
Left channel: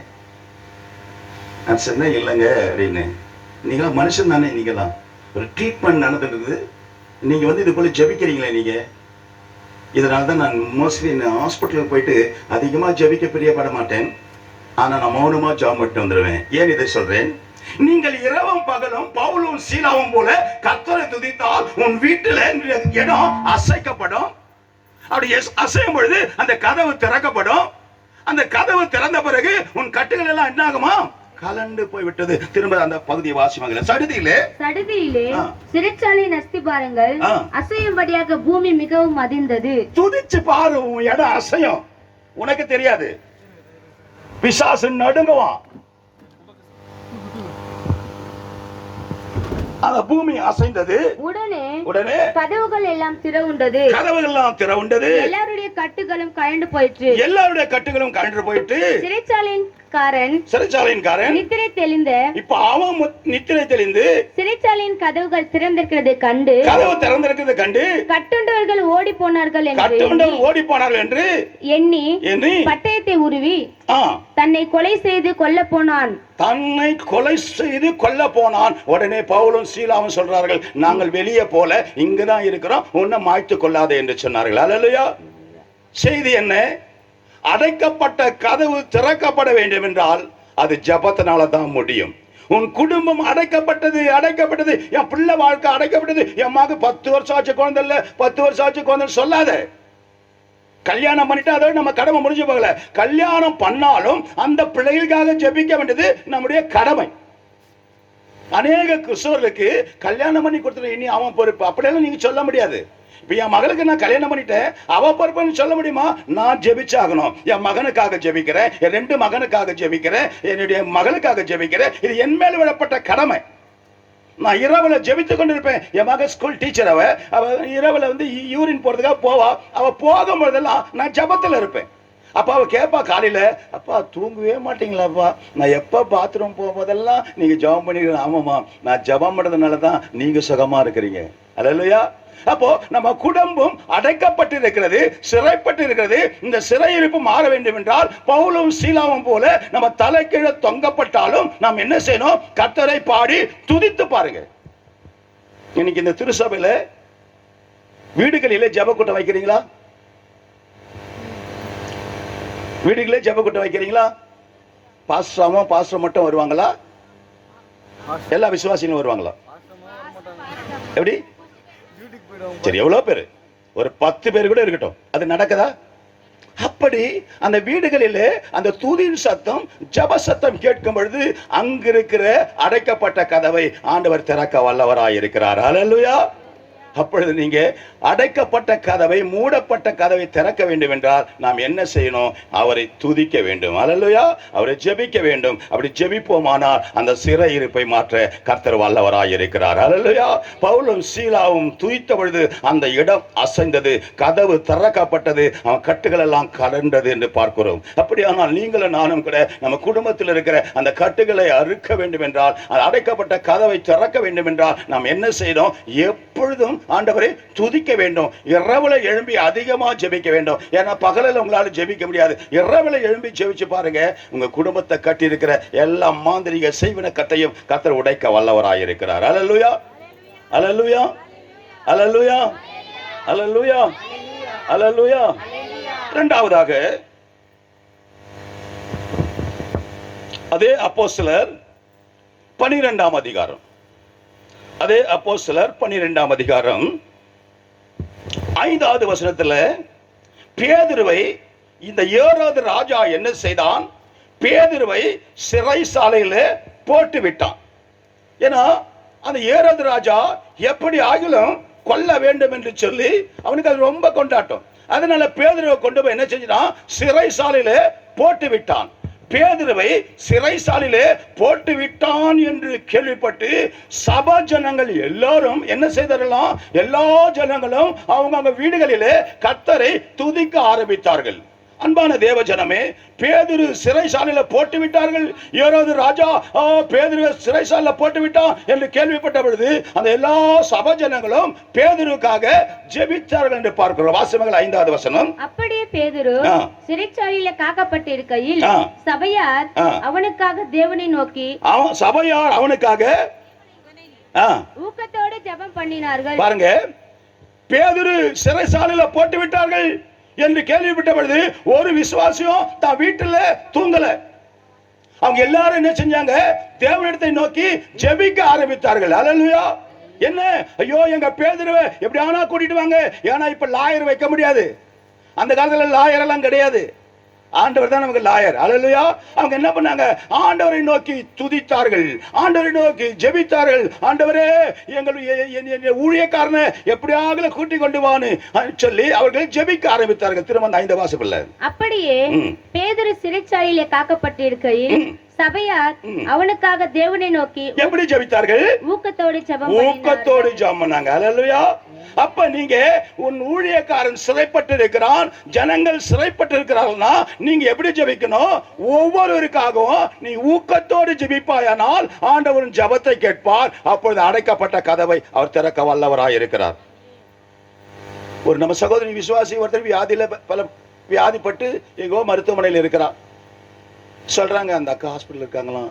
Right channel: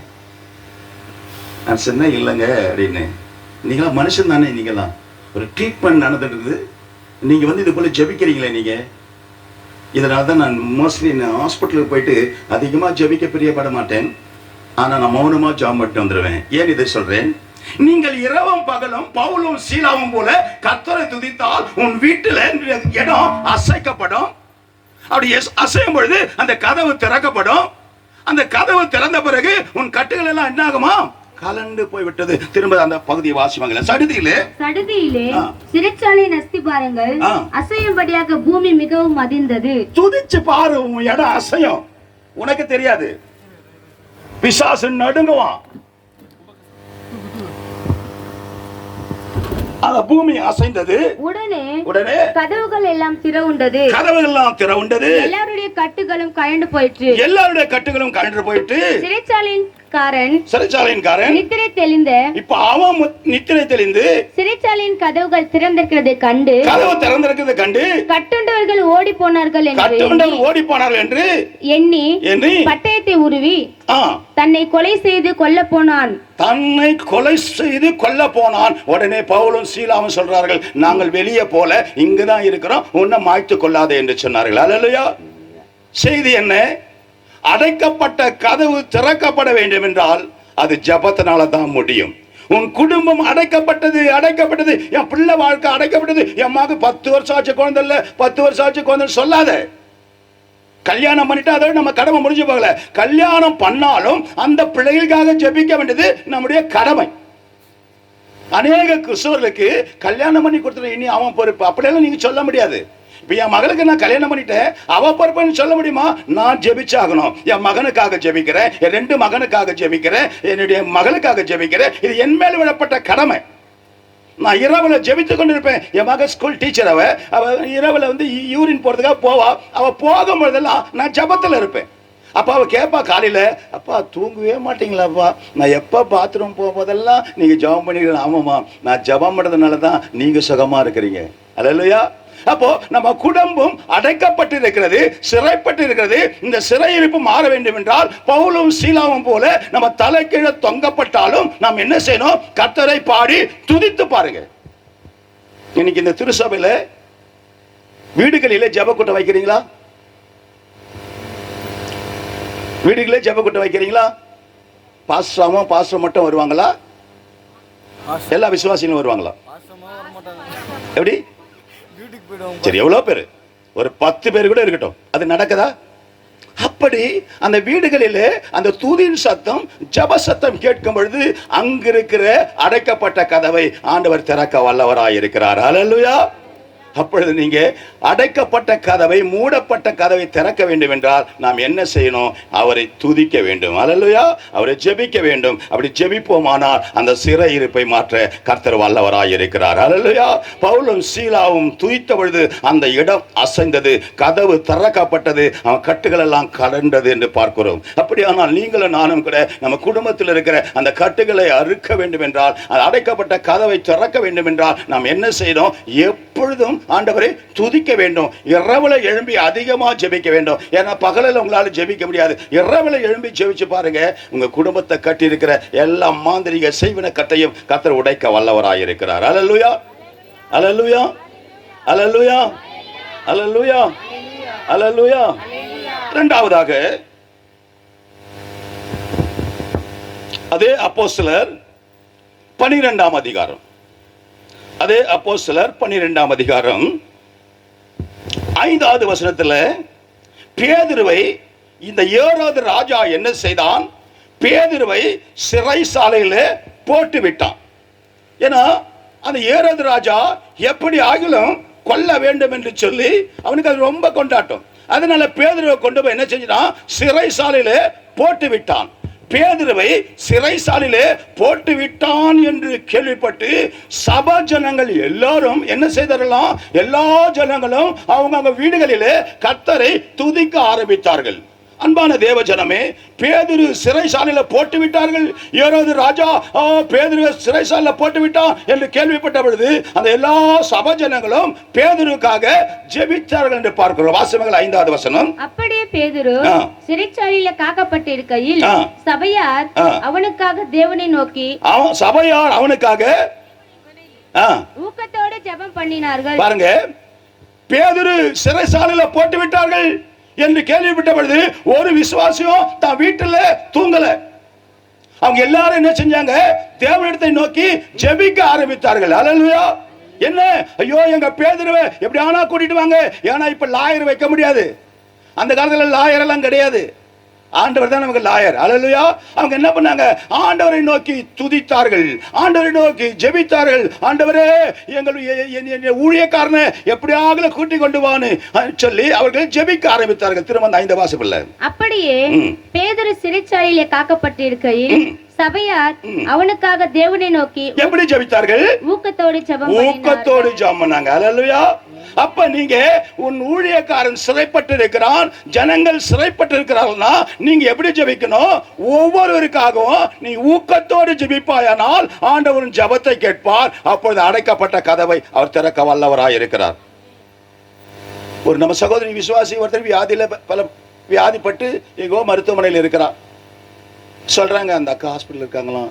நான் சொன்னேன், இல்லைங்க அப்படின்னு. நீங்களா மனுஷன் தானே, நீங்களாம் ஒரு ட்ரீட்மெண்ட் நடந்துட்டு நீங்க இது போல ஜெபிக்கிறீங்களே நீங்க. இதனால தான் நான் மோஸ்ட்லி ஹாஸ்பிட்டலுக்கு போயிட்டு அதிகமாக ஜெபிக்க பிரியப்பட மாட்டேன். ஆனால் நான் மௌனமாக ஜெபம் பண்ணிட்டு வந்துடுவேன். ஏன் இதை சொல்றேன்? நீங்கள் இரவும் பகலும் பவுலும் சீலாவும் போல கர்த்தரை துதித்தால் உன் வீட்டில் இடம் அசைக்கப்படும். அப்படி அசையும் பொழுது அந்த கதவு திறக்கப்படும். அந்த கதவு திறந்த பிறகு உன் கட்டுகள் எல்லாம் என்ன ஆகுமா? கலண்டு போய்விட்டது. திரும்ப அந்த பகுதியை வாசிவாங்க. சடுதியிலே சிறைச்சாலையின் அஸ்திபாரங்கள் அசையும்படியாக பூமி மிகவும் அதிர்ந்தது. துதிச்சு பாரு, உன் இடம் அசையும். உனக்கு தெரியாது, பிசாசு நடுங்குவான். பூமி அசைந்தது. உடனே கதவுகள் எல்லாம் திறவுண்டது. எல்லாருடைய கட்டுகளும் கழண்டு போயிற்று. சிறைச்சாலையின் நித்திரை தெளிந்த. இப்ப அவன் நித்திரை தெளிந்து சிறைச்சாலையின் கதவுகள் திறந்திருக்கிறது கண்டு கட்டுண்டவர்கள் ஓடி போனார்கள் என்று எண்ணி பட்டயத்தை உருவி தன்னை கொலை செய்து கொல்ல போனான். உடனே பவுலும் சீலாவும் சொல்றார்கள், நாங்கள் வெளியே போல இங்குதான் இருக்கிறோம், உன்னை மாய்த்து கொள்ளாதே என்று சொன்னார்கள். அல்லேலூயா. செய்தி என்ன? அடைக்கப்பட்ட கதவு திறக்கப்பட வேண்டும் என்றால் அது ஜெபத்தினால தான் முடியும். உன் குடும்பம் அடைக்கப்பட்டது. என் பிள்ளை வாழ்க்கை அடைக்கப்பட்டது. என் மக 10 வருஷம் ஆச்சு குழந்தை இல்ல, 10 வருஷம் ஆச்சு குழந்தை சொல்லாத. கல்யாணம் பண்ணிட்டு அதோட நம்ம கடமை முடிஞ்சு போகல. கல்யாணம் பண்ணாலும் அந்த பிள்ளைகளுக்காக ஜெபிக்க வேண்டியது நம்முடைய கடமை. அநேக கிறிஸ்தவர்களுக்கு கல்யாணம் பண்ணி கொடுத்துட்டு இனி அவன் பொறுப்பு அப்படியெல்லாம் நீங்க சொல்ல முடியாது. இப்ப என் மகளுக்கு நான் கல்யாணம் பண்ணிட்டேன், அவ பொறுப்புன்னு சொல்ல முடியுமா? நான் ஜெபிச்சாகணும். என் மகனுக்காக ஜெபிக்கிறேன், என் 2 மகனுக்காக ஜெபிக்கிறேன், என்னுடைய மகளுக்காக ஜெபிக்கிறேன். இது என் மேல் விடப்பட்ட கடமை. நான் இரவுல ஜெபித்து கொண்டு இருப்பேன். என் மக ஸ்கூல் டீச்சர், அவ இரவுல வந்து யூரின் போறதுக்காக போவா. அவ போகும்போதெல்லாம் நான் ஜெபத்துல இருப்பேன். அப்பா அவ கேட்பா காலையில, அப்பா தூங்கவே மாட்டீங்களாப்பா, நான் எப்ப பாத்ரூம் போகும்போதெல்லாம் நீங்க ஜெபம் பண்ணிக்கிறீங்க. ஆமாமா, நான் ஜெபம் பண்ணதுனால தான் நீங்க சுகமா இருக்கிறீங்க. அல்லேலூயா. அப்போ நம்ம குடும்பம் அடைக்கப்பட்டு இருக்கிறது, சிறைப்பட்டு இருக்கிறது. இந்த சிறையிருப்பு மாற வேண்டும் என்றால் பவுலும் சீலாவும் போல நம்ம தலைக்கீழ தொங்கப்பட்டாலும் நாம் என்ன செய்யணும்? கர்த்தரை பாடி துதித்து பாருங்க. இன்னைக்கு இந்த திருசபையில வீடுகளிலே ஜெப கூட்டம் வைக்கிறீங்களா? வீடுகளே ஜெப கூட்டம் வைக்கிறீங்களா? பாஸ்டர் மட்டும் வருவாங்களா? எல்லா விசுவாசிகளும் வருவாங்களா? எப்படி? சரி, எவ்வளவு பேரு? ஒரு 10 பேர் கூட இருக்கட்டும், அது நடக்குதா? அப்படி அந்த வீடுகளிலே அந்த தூதின் சத்தம், ஜெப சத்தம் கேட்கும் பொழுது அங்கிருக்கிற அடைக்கப்பட்ட கதவை ஆண்டவர் திறக்க வல்லவராய் இருக்கிறார். அல்லேலூயா. அப்பொழுது நீங்க அடைக்கப்பட்ட கதவை, மூடப்பட்ட கதவை திறக்க வேண்டும் என்றால் நாம் என்ன செய்யணும்? அவரை துதிக்க வேண்டும். அல்லேலூயா. அவரை ஜெபிக்க வேண்டும். அப்படி ஜெபிப்போமானால் அந்த சிறையிருப்பை மாற்ற கர்த்தர் வல்லவராய் இருக்கிறார். அல்லேலூயா. பவுலும் சீலாவும் துதித்த பொழுது அந்த இடம் அசைந்தது, கதவு திறக்கப்பட்டது, அவன் கட்டுகள் எல்லாம் கலண்டது என்று பார்க்கிறோம். அப்படியானால் நீங்களும் நானும் கூட நம்ம குடும்பத்தில் இருக்கிற அந்த கட்டுகளை அறுக்க வேண்டும் என்றால், அடைக்கப்பட்ட கதவை திறக்க வேண்டும் என்றால் நாம் என்ன செய்யணும்? எப்பொழுதும் ஆண்டவரை துதிக்க வேண்டும். இரவுல எழும்பி அதிகமா ஜெபிக்க வேண்டும். ஏன்னா பகலில் உங்களால ஜெபிக்க முடியாது. இரவுல எழும்பி ஜெபிச்சு பாருங்க, உங்க குடும்பத்தை கட்டி இருக்கிற எல்லா மாந்திரிக செய்வின கட்டையும் கர்த்தர் உடைக்க வல்லவராய் இருக்கிறார். அல்லேலூயா. அல்லேலூயா. அல்லேலூயா. அல்லேலூயா. அல்லேலூயா. இரண்டாவதாக அதே அப்போஸ்தலர் 12ஆம் அதிகாரம், அதே அப்போஸ்தலர் 12ஆம் அதிகாரம் 5வது வசனத்துல பேதுருவை இந்த ஏரோது ராஜா என்ன செய்தான்? பேதுருவை சிறைசாலையில போட்டு விட்டான். ஏன்னா அந்த ஏரோது ராஜா எப்படி ஆகிலும் கொல்ல வேண்டும் என்று சொல்லி அவனுக்கு அது ரொம்ப கொண்டாட்டம். அதனால பேதுருவை கொண்டு போய் என்ன செஞ்சான்? சிறைசாலையில போட்டு விட்டான். பேதுருவை சிறைசாலையிலே போட்டு விட்டான் என்று கேள்விப்பட்டு சபை ஜனங்கள் எல்லாரும் என்ன செய்தார்களாம்? எல்லா ஜனங்களும் அவங்க வீடுகளிலே கர்த்தரை துதிக்க ஆரம்பித்தார்கள். அன்பான தேவ ஜனமே, பேதுரு சிறைசாலையில போட்டு விட்டார்கள். ஏரோது ராஜா பேதுருவை சிறைசாலையில போட்டு விட்டான் என்று கேள்விப்பட்ட பொழுது அந்த எல்லா சபை ஜனங்களும் பேதுருக்காக ஜெபித்தார்கள் என்று பார்க்கிறோம். வாசியங்கள் 5வது வசனம். அப்படியே பேதுரு சிறைச்சாலையில காக்கப்பட்டிருக்கையில் சபையார் அவனுக்காக தேவனை நோக்கி, சபையார் அவனுக்காக ஊக்கத்தோடு ஜெபம் பண்ணினார்கள். பாருங்க, பேதுரு சிறைசாலையில போட்டு விட்டார்கள் என்று கேள்விப்பட்ட பொழுது ஒரு விசுவாசியும் தான் வீட்டுல தூங்கல. அவங்க எல்லாரும் என்ன செஞ்சாங்க? தேவனிடத்தை நோக்கி ஜெபிக்க ஆரம்பித்தார்கள். அல்லேலூயா. என்ன? ஐயோ, எங்க பேதுருவை எப்படியானா கூட்டிட்டு வாங்க. ஏன்னா இப்ப லாயர் வைக்க முடியாது. அந்த காலத்துல லாயர் எல்லாம் கிடையாது. ஆண்டவர் தான் நமக்கு லாயர். அல்லேலூயா. அவங்க என்ன பண்ணாங்க? ஆண்டவரை நோக்கி துதித்தார்கள், ஆண்டவரை நோக்கி ஜெபித்தார்கள். ஆண்டவரே, எங்களுடைய ஊழியக்காரனை எப்படியாக கூட்டி கொண்டு வான்னு சொல்லி அவர்கள் ஜெபிக்க ஆரம்பித்தார்கள். திரும்ப 5 வாசகத்துல அப்படியே பேதுரு சிறைச்சாலையிலே காக்கப்பட்டிருக்கையில் சபையார் அவனுக்காக தேவனை நோக்கி எப்படி ஜெபித்தார்கள்? ஊக்கத்தோடு ஜெபம் பண்ணாங்க. அல்லேலூயா. அப்ப நீங்க உன் ஊழியக்காரன் சிறைப்பட்டு இருக்கிறான், ஜனங்கள் சிறைப்பட்டு இருக்கிறார்கள்னா நீங்க எப்படி ஜெபிக்கணும்? ஒவ்வொருவருக்காகவும் நீ ஊக்கத்தோடு ஜெபிப்பாயானால் ஆண்டவரின் ஜெபத்தை கேட்பார். அப்பொழுது அடைக்கப்பட்ட கதவை அவர் திறக்க வல்லவராய் இருக்கிறார். ஒரு நம்ம சகோதரி விசுவாசி ஒருத்தர் வியாதிப்பட்டு எங்கோ மருத்துவமனையில் இருக்கிறார். சொல்றாங்க, அந்த அக்கா ஹாஸ்பிட்டல் இருக்காங்களாம்.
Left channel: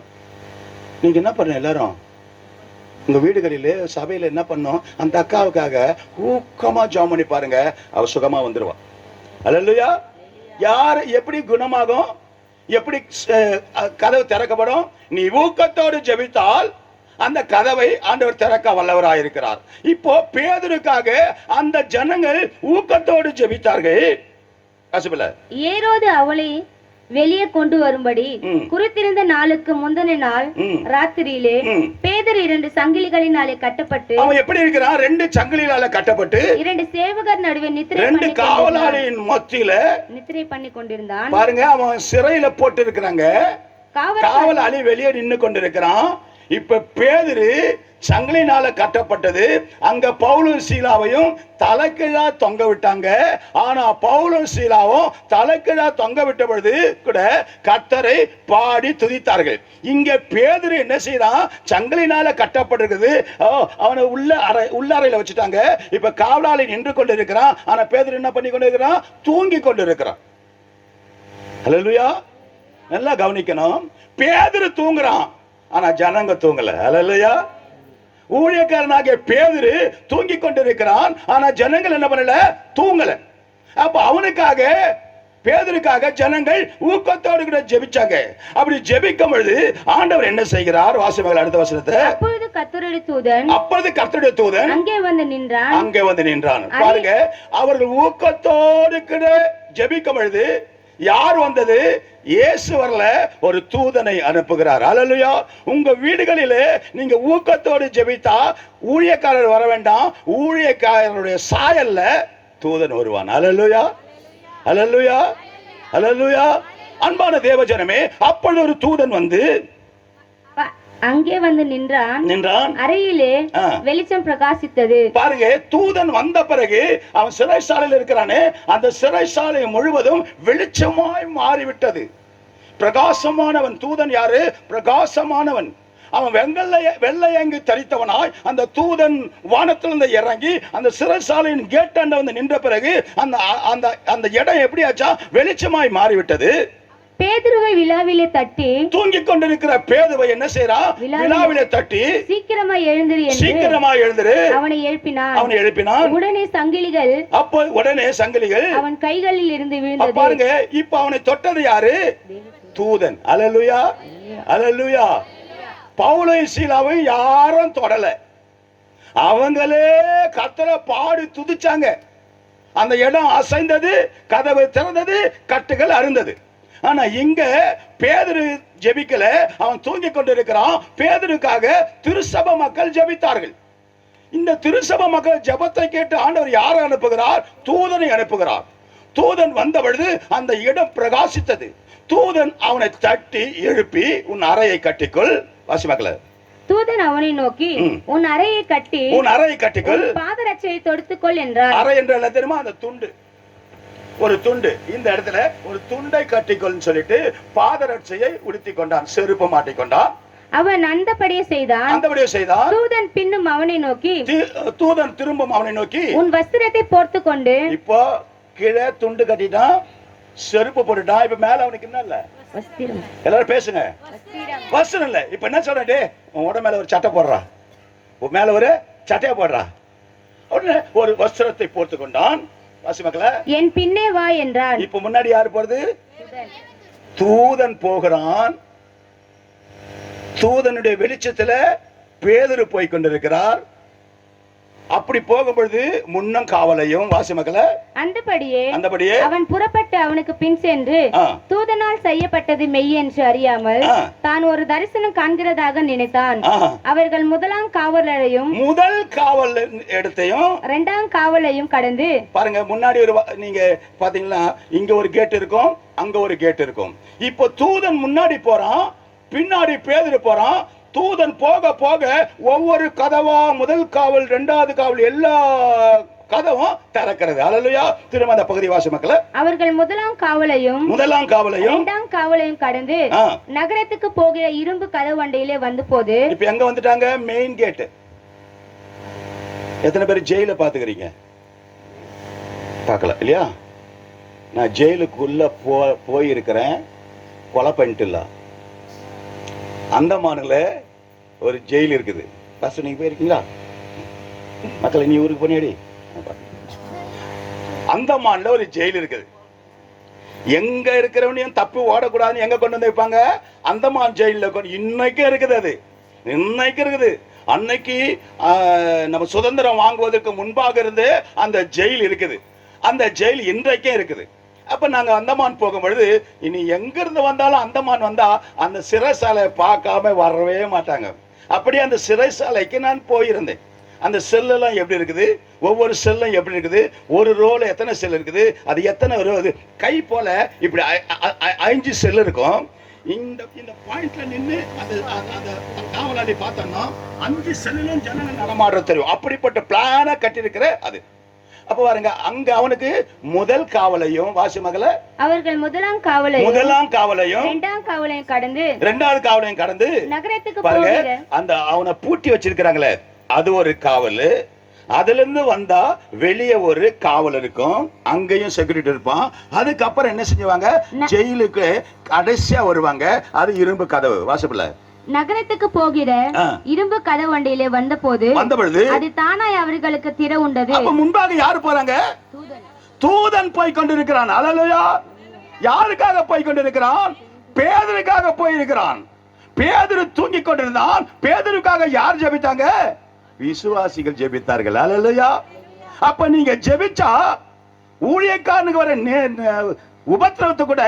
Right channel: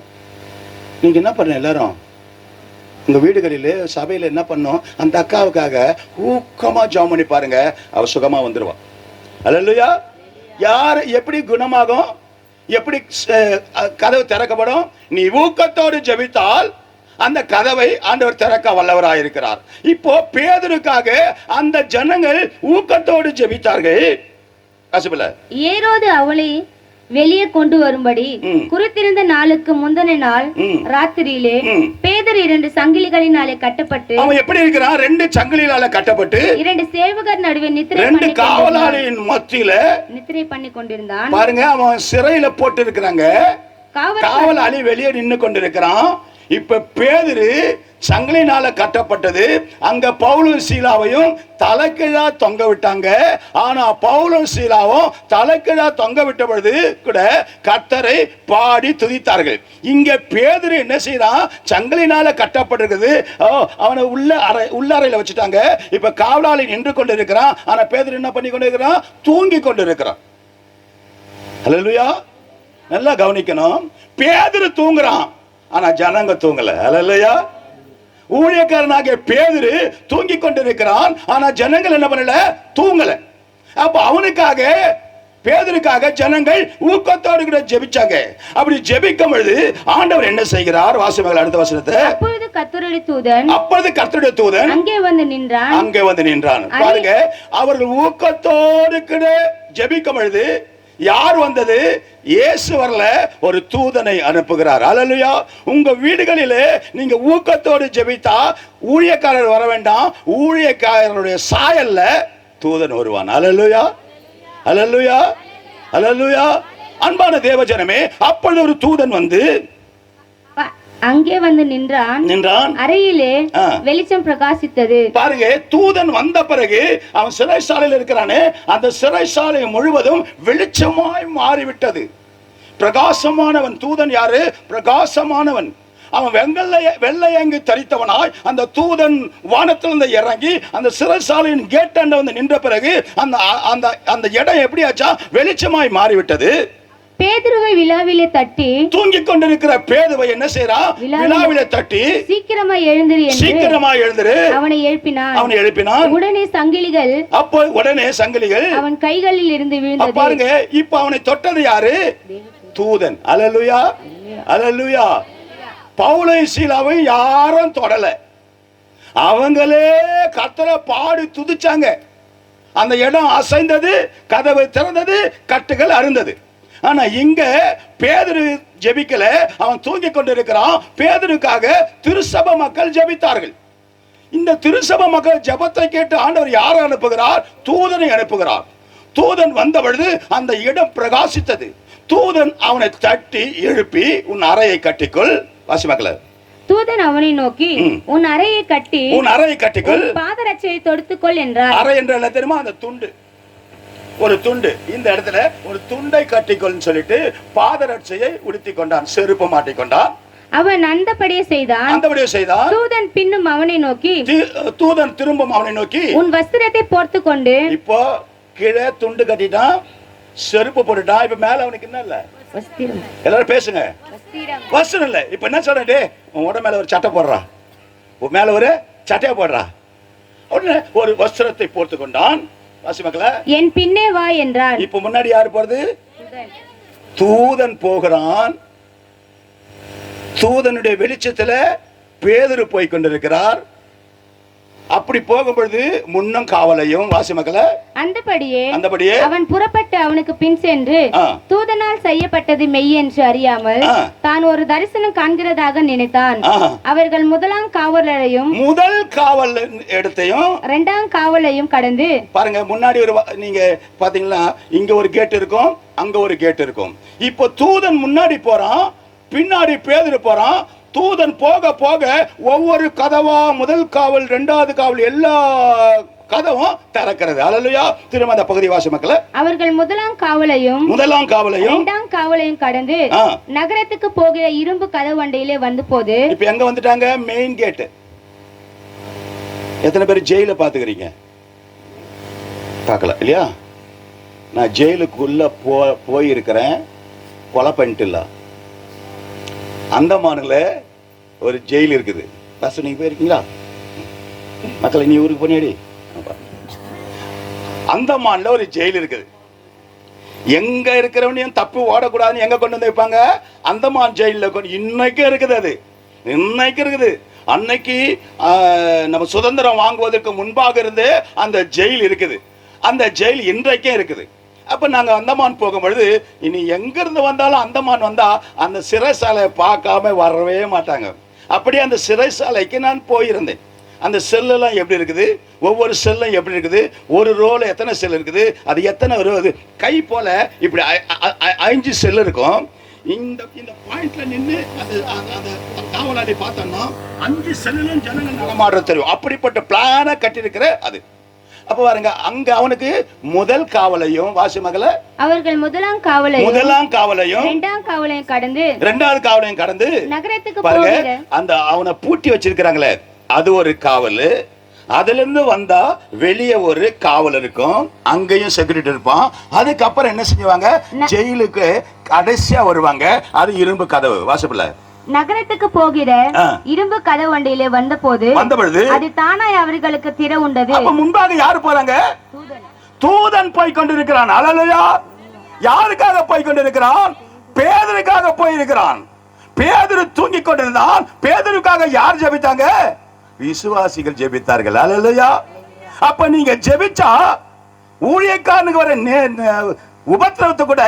நீங்க என்ன பண்ண? எல்லாரும் உங்க வீடுகளிலே சபையில என்ன பண்ணோம்? அந்த அக்காவுக்காக ஊக்கமா ஜெபம் பண்ணி பாருங்க, அவ சுகமா வந்துருவா. அல்லேலூயா. யார் எப்படி குணமாகும்? எப்படி கதவு திறக்கப்படும்? நீ ஊக்கத்தோடு ஜெபித்தால் அந்த கதவை ஆண்டவர் திறக்க வல்லவராய் இருக்கிறார். இப்போ பேதுருக்காக அந்த ஜனங்கள் ஊக்கத்தோடு ஜெபித்தார்கள். வாசிப்பல. ஏரோது அவளை வெளியே கொண்டு வரும்படி குறித்திருந்த நாளுக்கு முந்தின நாள் ராத்திரியிலே பேதுரு 2 சங்கிலிகளினாலே கட்டப்பட்டு, அவன் எப்படி இருக்கிறான்? 2 சங்கிலிகளால கட்டப்பட்டு 2 சேவகர் நடுவே 2 காவலாளியின் மத்தியில நித்திரை பண்ணி கொண்டிருந்தான். பாருங்க, அவன் சிறையில போட்டு இருக்கிறாங்க, காவலாளி வெளியே நின்னு கொண்டிருக்கிறான். இப்ப பேதுரு சங்கிலினால கட்டப்பட்டது. அங்க பவுலும் சீலாவையும் தலைக்கீழா தொங்க விட்டாங்க. ஆனா பவுலும் சீலாவும் தலைக்கீழா தொங்க விட்ட பொழுது கூட கர்த்தரை பாடி துதித்தார்கள். இங்க பேதுரு என்ன செய்யறான்? சங்கிலினால கட்டப்பட்டிருக்குது. அவனை உள்ளறையில வச்சுட்டாங்க. இப்ப காவலாளி நின்று கொண்டு இருக்கிறான். ஆனா பேதுரு என்ன பண்ணி கொண்டு இருக்கிறான்? தூங்கி கொண்டு இருக்கிறான். ஹல்லேலூயா. நல்லா கவனிக்கணும். பேதுரு தூங்குறான், ஆனா ஜனங்க தூங்கல. ஹல்லேலூயா. ஊழியக்காரனாகிய பேதுரு தூங்கி கொண்டிருக்கிறான், ஆனா ஜனங்கள் என்ன பண்ணல? தூங்கல. அப்ப அவனுக்காக, பேதுருக்காக ஜனங்கள் ஊக்கத்தோடு கூட ஜெபிச்சாங்க. அப்படி ஜெபிக்கும் பொழுது ஆண்டவர் என்ன செய்கிறார்? வாசிப்பீர்கள் அடுத்த வசனத்தை. அப்பொழுது கர்த்தருடைய தூதன் அங்கே வந்து நின்றான். பாருங்க, அவர்கள் ஊக்கத்தோடு கூட ஜெபிக்கும் பொழுது யார் வந்தது? இயேசு வரல, ஒரு தூதனை அனுப்புகிறார். அல்லேலூயா. உங்க வீடுகளிலே நீங்க ஊக்கத்தோடு ஜெபித்தா ஊழியக்காரர் வர வேண்டாம், ஊழியக்காரருடைய சாயல்ல தூதன் வருவான். அல்லேலூயா, அல்லேலூயா, அல்லேலூயா. அன்பான தேவஜனமே, அப்பொழுது ஒரு தூதன் வந்து அங்கே வந்து நின்றான். அறையிலே வெளிச்சம் பிரகாசித்தது. பாருங்க, தூதன் வந்த பிறகு அவன் சிறைச்சாலையில் இருக்கிறானே, அந்த சிறைச்சாலை முழுவதும் வெளிச்சமாய் மாறிவிட்டது. பிரகாசமானவன் தூதன். யாரு? பிரகாசமானவன். அவன் வெள்ளையங்கு தரித்தவனாய் அந்த தூதன் வானத்திலிருந்து இறங்கி அந்த சிறைச்சாலையின் கேட்டாண்ட வந்து நின்ற பிறகு அந்த இடம் எப்படி ஆச்சா? வெளிச்சமாய் மாறிவிட்டது. பேதுருவை விழாவிலே தட்டி, தூங்கிக் கொண்டிருக்கிற பேதுவை என்ன செய்யறான்? விழாவிலே தட்டி, சீக்கிரமா எழுந்திரு அவனை எழுப்பினான். உடனே சங்கிலிகள் அவன் கைகளில் இருந்து விழுந்தது. பாருங்க, இப்ப அவனை தொட்டது யாரு? தூதன். அல்லேலூயா, அல்லேலூயா. பவுலை சீலாவை யாரும் தொடல, அவங்களே கர்த்தரை பாடி துதிச்சாங்க. அந்த இடம் அசைந்தது, கதவு திறந்தது, கட்டுகள் அறுந்தது. ஆனா இங்க பேதுரு ஜெபிக்கல, அவன் தூங்கி கொண்டிருக்கிறான். பேதுருக்காக திருசபை மக்கள் ஜெபித்தார்கள். இந்த திருசபை மக்கள் ஜெபத்தை கேட்டு ஆண்டவர் யாரை அனுப்புகிறார்? தூதனை அனுப்புகிறார். தூதன் வந்த பொழுது அந்த இடம் பிரகாசித்தது. தூதன் அவனை தட்டி எழுப்பி, உன் அறையை கட்டிக்கொள். வாசி மக்களே. தூதன் அவனை நோக்கி, உன் அறையை கட்டிக்கொள், பாதரட்சையை தொடுத்துக்கொள் என்றார். அறை என்ற என்ன தெரியுமா? அந்த துண்டு, ஒரு துண்டு. இந்த இடத்துல ஒரு துண்டை கட்டிக்கொள் சொல்லிட்டு பாதரட்சையை உடுத்தி கொண்டான், செருப்பு மாட்டிக்கொண்டான். அவன் அந்தபடியே செய்தான். தூதன் பின்னும் அவனை நோக்கி, தூதன் திரும்பும் அவனை நோக்கி, உன் வஸ்திரத்தை போர்த்து கொண்டு. இப்போ கீழே துண்டு கட்டிட்டான், செருப்பு போட்டுட்டான். இப்ப மேல அவனுக்கு என்ன இல்ல? எல்லாரும் பேசுங்க. வஸ்திரம் இல்ல. இப்ப என்ன சொல்றே? உன் உடம்பு மேல ஒரு சட்டை போடுறா, உன் மேல ஒரு சட்டையை போடுறா. உடனே ஒரு வஸ்திரத்தை போர்த்து கொண்டான். என் பின்னே வா என்றான். இப்ப முன்னாடி யாரு போறது? தூதன் போகிறான். தூதனுடைய வெளிச்சத்துல பேதுரு போய் கொண்டிருக்கிறார். அப்படி போகும்பொழுது முன்னும் காவலையும். வாசி மக்களே. அந்தபடியே அவன் புறப்பட்டு அவனுக்கு பின் சென்று, தூதனால் செய்யப்பட்டது மெய் என்று அறியாமல் தான் ஒரு தரிசனம் காண்கிறதாக நினைத்தான். அவர்கள் முதல் காவல் இடத்தையும் 2ஆம் காவலையும் கடந்து. பாருங்க, முன்னாடி ஒரு நீங்க பாத்தீங்களா, இங்க ஒரு கேட் இருக்கும், அங்க ஒரு கேட் இருக்கும். இப்போ தூதன் முன்னாடி போறான், பின்னாடி பேதுரு போறான். தூதன் போக போக ஒவ்வொரு கதவா, முதல் காவல், 2வது காவல், எல்லா கதவும் திறக்கிறது. அல்லேலூயா. திரும்ப அந்த பகுதி வாசி மக்களே. அவர்கள் முதலாம் காவலையும் 2ஆம் காவலையும் கடந்து நகரத்துக்கு போகிற இரும்பு கதவு அண்டையிலே வந்து போது. இப்ப எங்க வந்துட்டாங்க? Main gate. எத்தனை பேர் ஜெயில பாத்துக்கிறீங்க? பார்க்கல இல்லையா? நான் ஜெயிலுக்குள்ள போயிருக்கிறேன், கொலை பண்ணிட்டு இல்ல. அந்தமான்ல ஒரு ஜெயில் இருக்குது. நீங்க போயிருக்கீங்களா மக்களை? நீ ஊருக்கு போனியாடி? அந்தமான்ல ஒரு ஜெயில் இருக்குது. எங்க இருக்கிறவனையும் தப்பு ஓடக்கூடாதுன்னு எங்க கொண்டு வந்து வைப்பாங்க? அந்தமான் ஜெயில. இன்னைக்கு இருக்குது, அது இன்னைக்கு இருக்குது. அன்னைக்கு நம்ம சுதந்திரம் வாங்குவதற்கு முன்பாக இருந்து அந்த ஜெயில் இருக்குது. அந்த ஜெயில் இன்றைக்கே இருக்குது. அப்ப நாங்க அந்தமான் போகும்பொழுது இனி எங்க இருந்து வந்தாலும் அந்தமான் வந்தா அந்த சிறைசாலையை பார்க்காம வரவே மாட்டாங்க. அப்படியே அந்த சிறைசாலைக்கு நான் போயிருந்தேன். அந்த செல்லாம் எப்படி இருக்குது, ஒவ்வொரு செல்லும் எப்படி இருக்குது, ஒரு ரோல எத்தனை செல் இருக்குது, அது எத்தனை ரோ, கை போல இப்படி 5 செல் இருக்கும். இந்த இந்த பாயிண்ட்ல நின்று அந்த காவலாளி பார்த்தோம்னா 5 செல்லும் ஜனங்கள் நடமாடுற தெரியும். அப்படிப்பட்ட பிளான கட்டியிருக்கிற அது. அப்ப பாருங்க, அங்க அவனுக்கு முதல் காவலையும் வாசி மகள அவர்கள் முதலாம் காவலையும் இரண்டாவது காவலையும் கடந்து நகரத்துக்கு பாருங்க, அந்த அவனை பூட்டி வச்சிருக்கிறாங்களே அது ஒரு காவல். அதுல இருந்து வந்தா வெளியே ஒரு காவல் இருக்கும், அங்கேயும் செக்யூரிட்டி இருப்பான். அதுக்கப்புறம் என்ன செஞ்சுவாங்க, ஜெயிலுக்கு கடைசியா வருவாங்க, அது இரும்பு கதவு. வாசப்பல நகரத்துக்கு போகிற இரும்பு கதவு வண்டியிலே வந்தபொழுது அது தானாய் அவர்களுக்கு திறவுண்டது. அப்ப முன்பாக யாரு போறாங்க, தூதன் போய் கொண்டிருக்கிறான். அல்லேலூயா. யாருக்காக போய் கொண்டிருக்கிறான், பேதுருக்காக போயிருக்கிறான். பேதுரு தூங்கி கொண்டிருந்தான். பேதுருக்காக யார் ஜெபித்தாங்க, விசுவாசிகள் ஜெபித்தார்கள். அல்லேலூயா. அப்ப நீங்க ஜெபிச்சா ஊழியக்காரனுக்கு வர உபத்திரவத்தை கூட,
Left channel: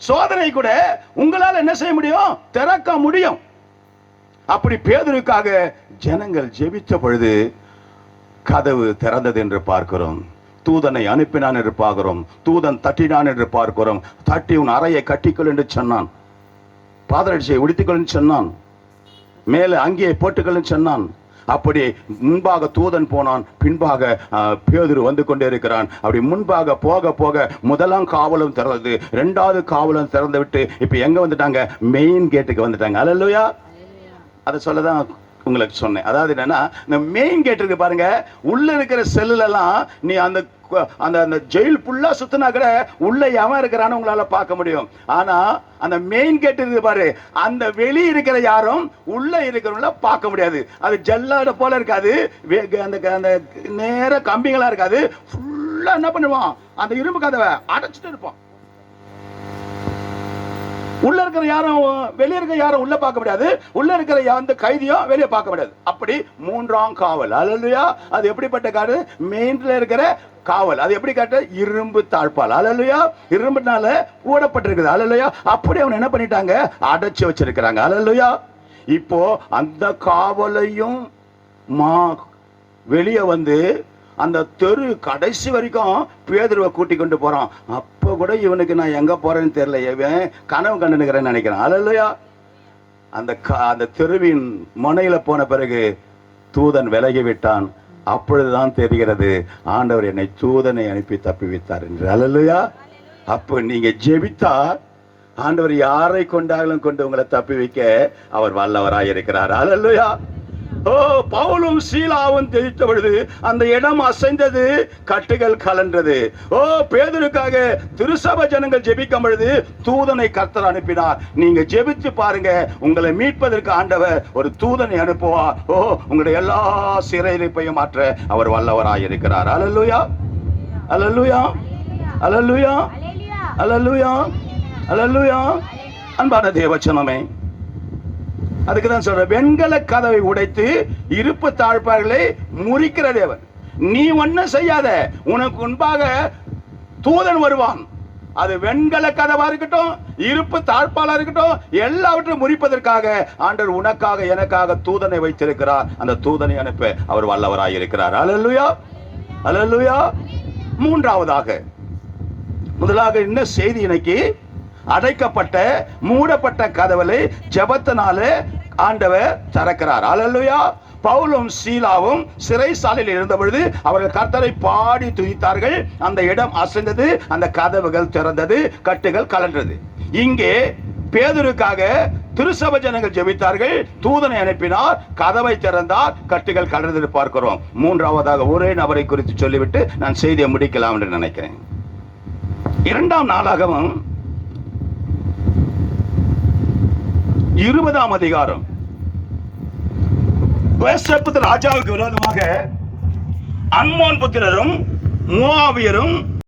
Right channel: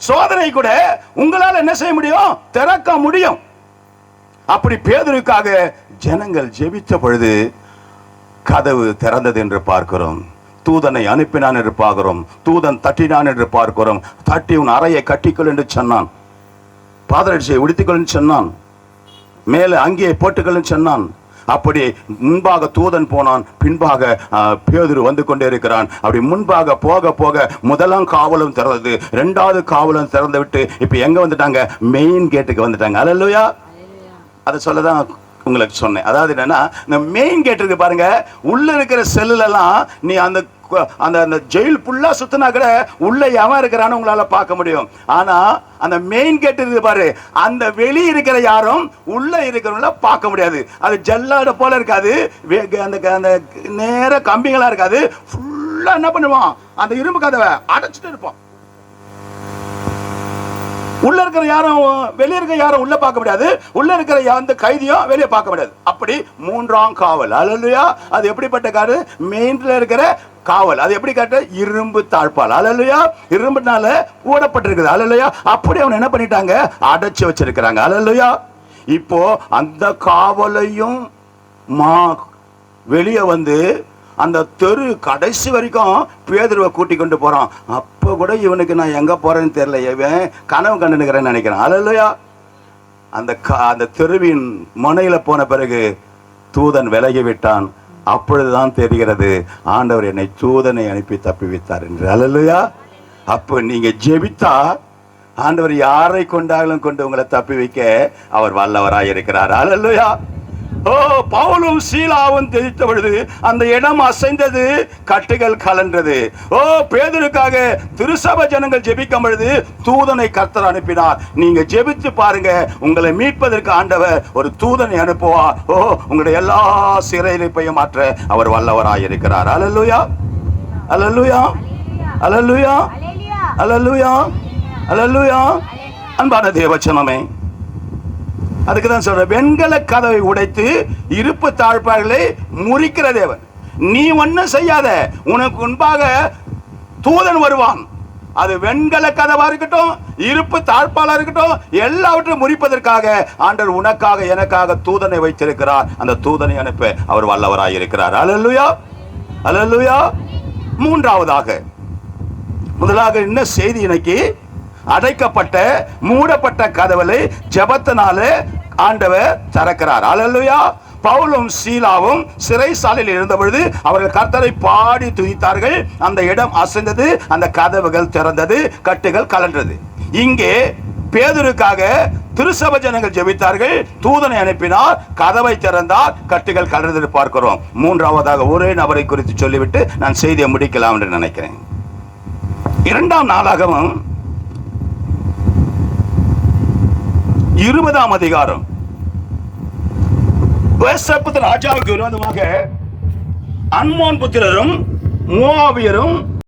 சோதனை கூட உங்களால என்ன செய்ய முடியும், திறக்க முடியும். அப்படி பேதுருக்காக ஜனங்கள் ஜெபித்த பொழுது கதவு திறந்தது என்று பார்க்கிறோம். தூதனை அனுப்பினான் என்று பார்க்கிறோம். தூதன் தட்டினான் என்று பார்க்கிறோம். தட்டி உன் அறையை கட்டிக்கொள் என்று சொன்னான், பாதரட்சியை உடுத்திக்கொள் சொன்னான், மேலே அங்கே போட்டுக்கொள் சொன்னான். அப்படி முன்பாக தூதன் போனான், பின்பாக பேதுரு வந்து கொண்டே இருக்கிறான். அப்படி முன்பாக போக போக முதலாம் காவலும் திறந்தது, 2வது காவலும் திறந்து விட்டு இப்ப எங்க வந்துட்டாங்க, மெயின் கேட்டுக்கு வந்துட்டாங்க. அல்லேலூயா. அதை சொல்லதான் உங்களுக்கு சொன்னேன். அதாவது என்னன்னா, இந்த மெயின் கேட் இருக்கு பாருங்க, உள்ள இருக்கிற செல்லுல எல்லாம் நீ அந்த அந்த ஜெயில் ஃபுல்லா சுத்தினா கூட உள்ள எவன் இருக்கிறான்னு உங்களால பார்க்க முடியும். ஆனா அந்த மெயின் கேட் இருக்கு பாரு, அந்த வெளியே இருக்கிற யாரும் உள்ள இருக்கிறவங்கள பார்க்க முடியாது. அது ஜல்லாட போல இருக்காது, அந்த நேர கம்பிகளா இருக்காது. ஃபுல்லா என்ன பண்ணுவான், அந்த இரும்பு கதவை அடைச்சிட்டு இருப்பான். உள்ள இருக்கிற யாரும் வெளியே இருக்கிற யாரும் உள்ள பார்க்க முடியாது, உள்ள இருக்கிற அந்த கைதியும் வெளியே பார்க்க முடியாது. அப்படி 3ஆம் காவல். அல்லேலூயா. அது எப்படிப்பட்ட காடு, மெயின்ல இருக்கிற காவல். அது எப்படி காட்டு, இரும்பு தாழ்பால். அல்லேலூயா. இரும்புனால ஊடப்பட்டிருக்குது. அல்லேலூயா. அப்படி அவன் என்ன பண்ணிட்டாங்க, அடைச்சு வச்சிருக்கிறாங்க. அல்லேலூயா. இப்போ அந்த காவலையும் வெளியே வந்து அந்த தெரு கடைசி வரைக்கும் பேதுருவை கூட்டி கொண்டு போறான். அப்ப கூட இவனுக்கு நான் எங்க போறேன்னு தெரியல, இவன் கனவு கண்டுக்கிறேன்னு நினைக்கிறான். அல்லேலூயா. அந்த தெருவின் முனையில போன பிறகு தூதன் விலகி விட்டான். அப்பொழுதுதான் தெரிகிறது, ஆண்டவர் என்னை தூதனை அனுப்பி தப்பிவித்தார் என்று. அல்லேலூயா. அப்ப நீங்க ஜெபித்தா ஆண்டவர் யாரை கொண்டாலும் கொண்டு உங்களை தப்பி வைக்க அவர் வல்லவராயிருக்கிறார். அல்லேலூயா. ஓ, பவுலும் சீலாவும் தெரிவித்த பொழுது அந்த இடம் அசைந்தது, கட்டுகள் கலன்றது. ஓ, பேதுருக்காக திருசபை ஜனங்கள் ஜெபிக்கும் பொழுது தூதனை கர்த்தர் அனுப்பினார். நீங்க ஜெபித்து பாருங்க, உங்களை மீட்பதற்கு ஆண்டவர் ஒரு தூதனை அனுப்புவார். ஓ, உங்களுடைய எல்லா சிறையிருப்பையும் மாற்ற அவர் வல்லவராயிருக்கிறார். அல்லேலூயா. அல்லேலூயா. அல்லேலூயா. அல்லேலூயா. அல்லேலூயா. அன்பான தேவச்சனமே, அதுக்கு தான் சொல்ற, வெண்கல கதவை உடைத்து இருப்பு தாழ்பார்களை முறிக்கிற தேவன். நீ ஒன்னும் செய்யாத, உனக்கு முன்பாக தூதன் வருவான். அது வெண்கல கதவா இருக்கட்டும், இருப்பு தாழ்பாலா இருக்கட்டும், எல்லாவற்றையும் முறிப்பதற்காக ஆண்டவர் உனக்காக எனக்காக தூதனை வைத்திருக்கிறார். அந்த தூதனை அனுப்ப அவர் வல்லவராய் இருக்கிறார். அல்லேலூயா. அல்லேலூயா. முதலாக என்ன செய்தி, இன்னைக்கு அடைக்கப்பட்ட மூடப்பட்ட கதவுகளை ஜெபத்தினாலே ஆண்டவர் திறக்கிறார். அல்லேலூயா. பவுலும் சீலாவும் சிறைசாலையில் இருந்த பொழுது அவர்கள் கர்த்தரை பாடி துதித்தார்கள். அந்த இடம் அசைந்தது, அந்த கதவுகள் திறந்தது, கட்டுகள் கலன்றது. இங்கே பேதுருக்காக திருசபை ஜனங்கள் ஜெபித்தார்கள், தூதனை அனுப்பினார், கதவை திறந்தார், கட்டுகள் கலந்தது பார்க்கிறோம். 3ஆவதாக ஒரே நபரை குறித்து சொல்லிவிட்டு நான் செய்தியை முடிக்கலாம் என்று நினைக்கிறேன். 2ஆம் நாளாகமம் 20ஆம் அதிகாரம். ராஜாவுக்கு விரோதமாக அம்மோன் புத்திரரும் மோவாபியரும்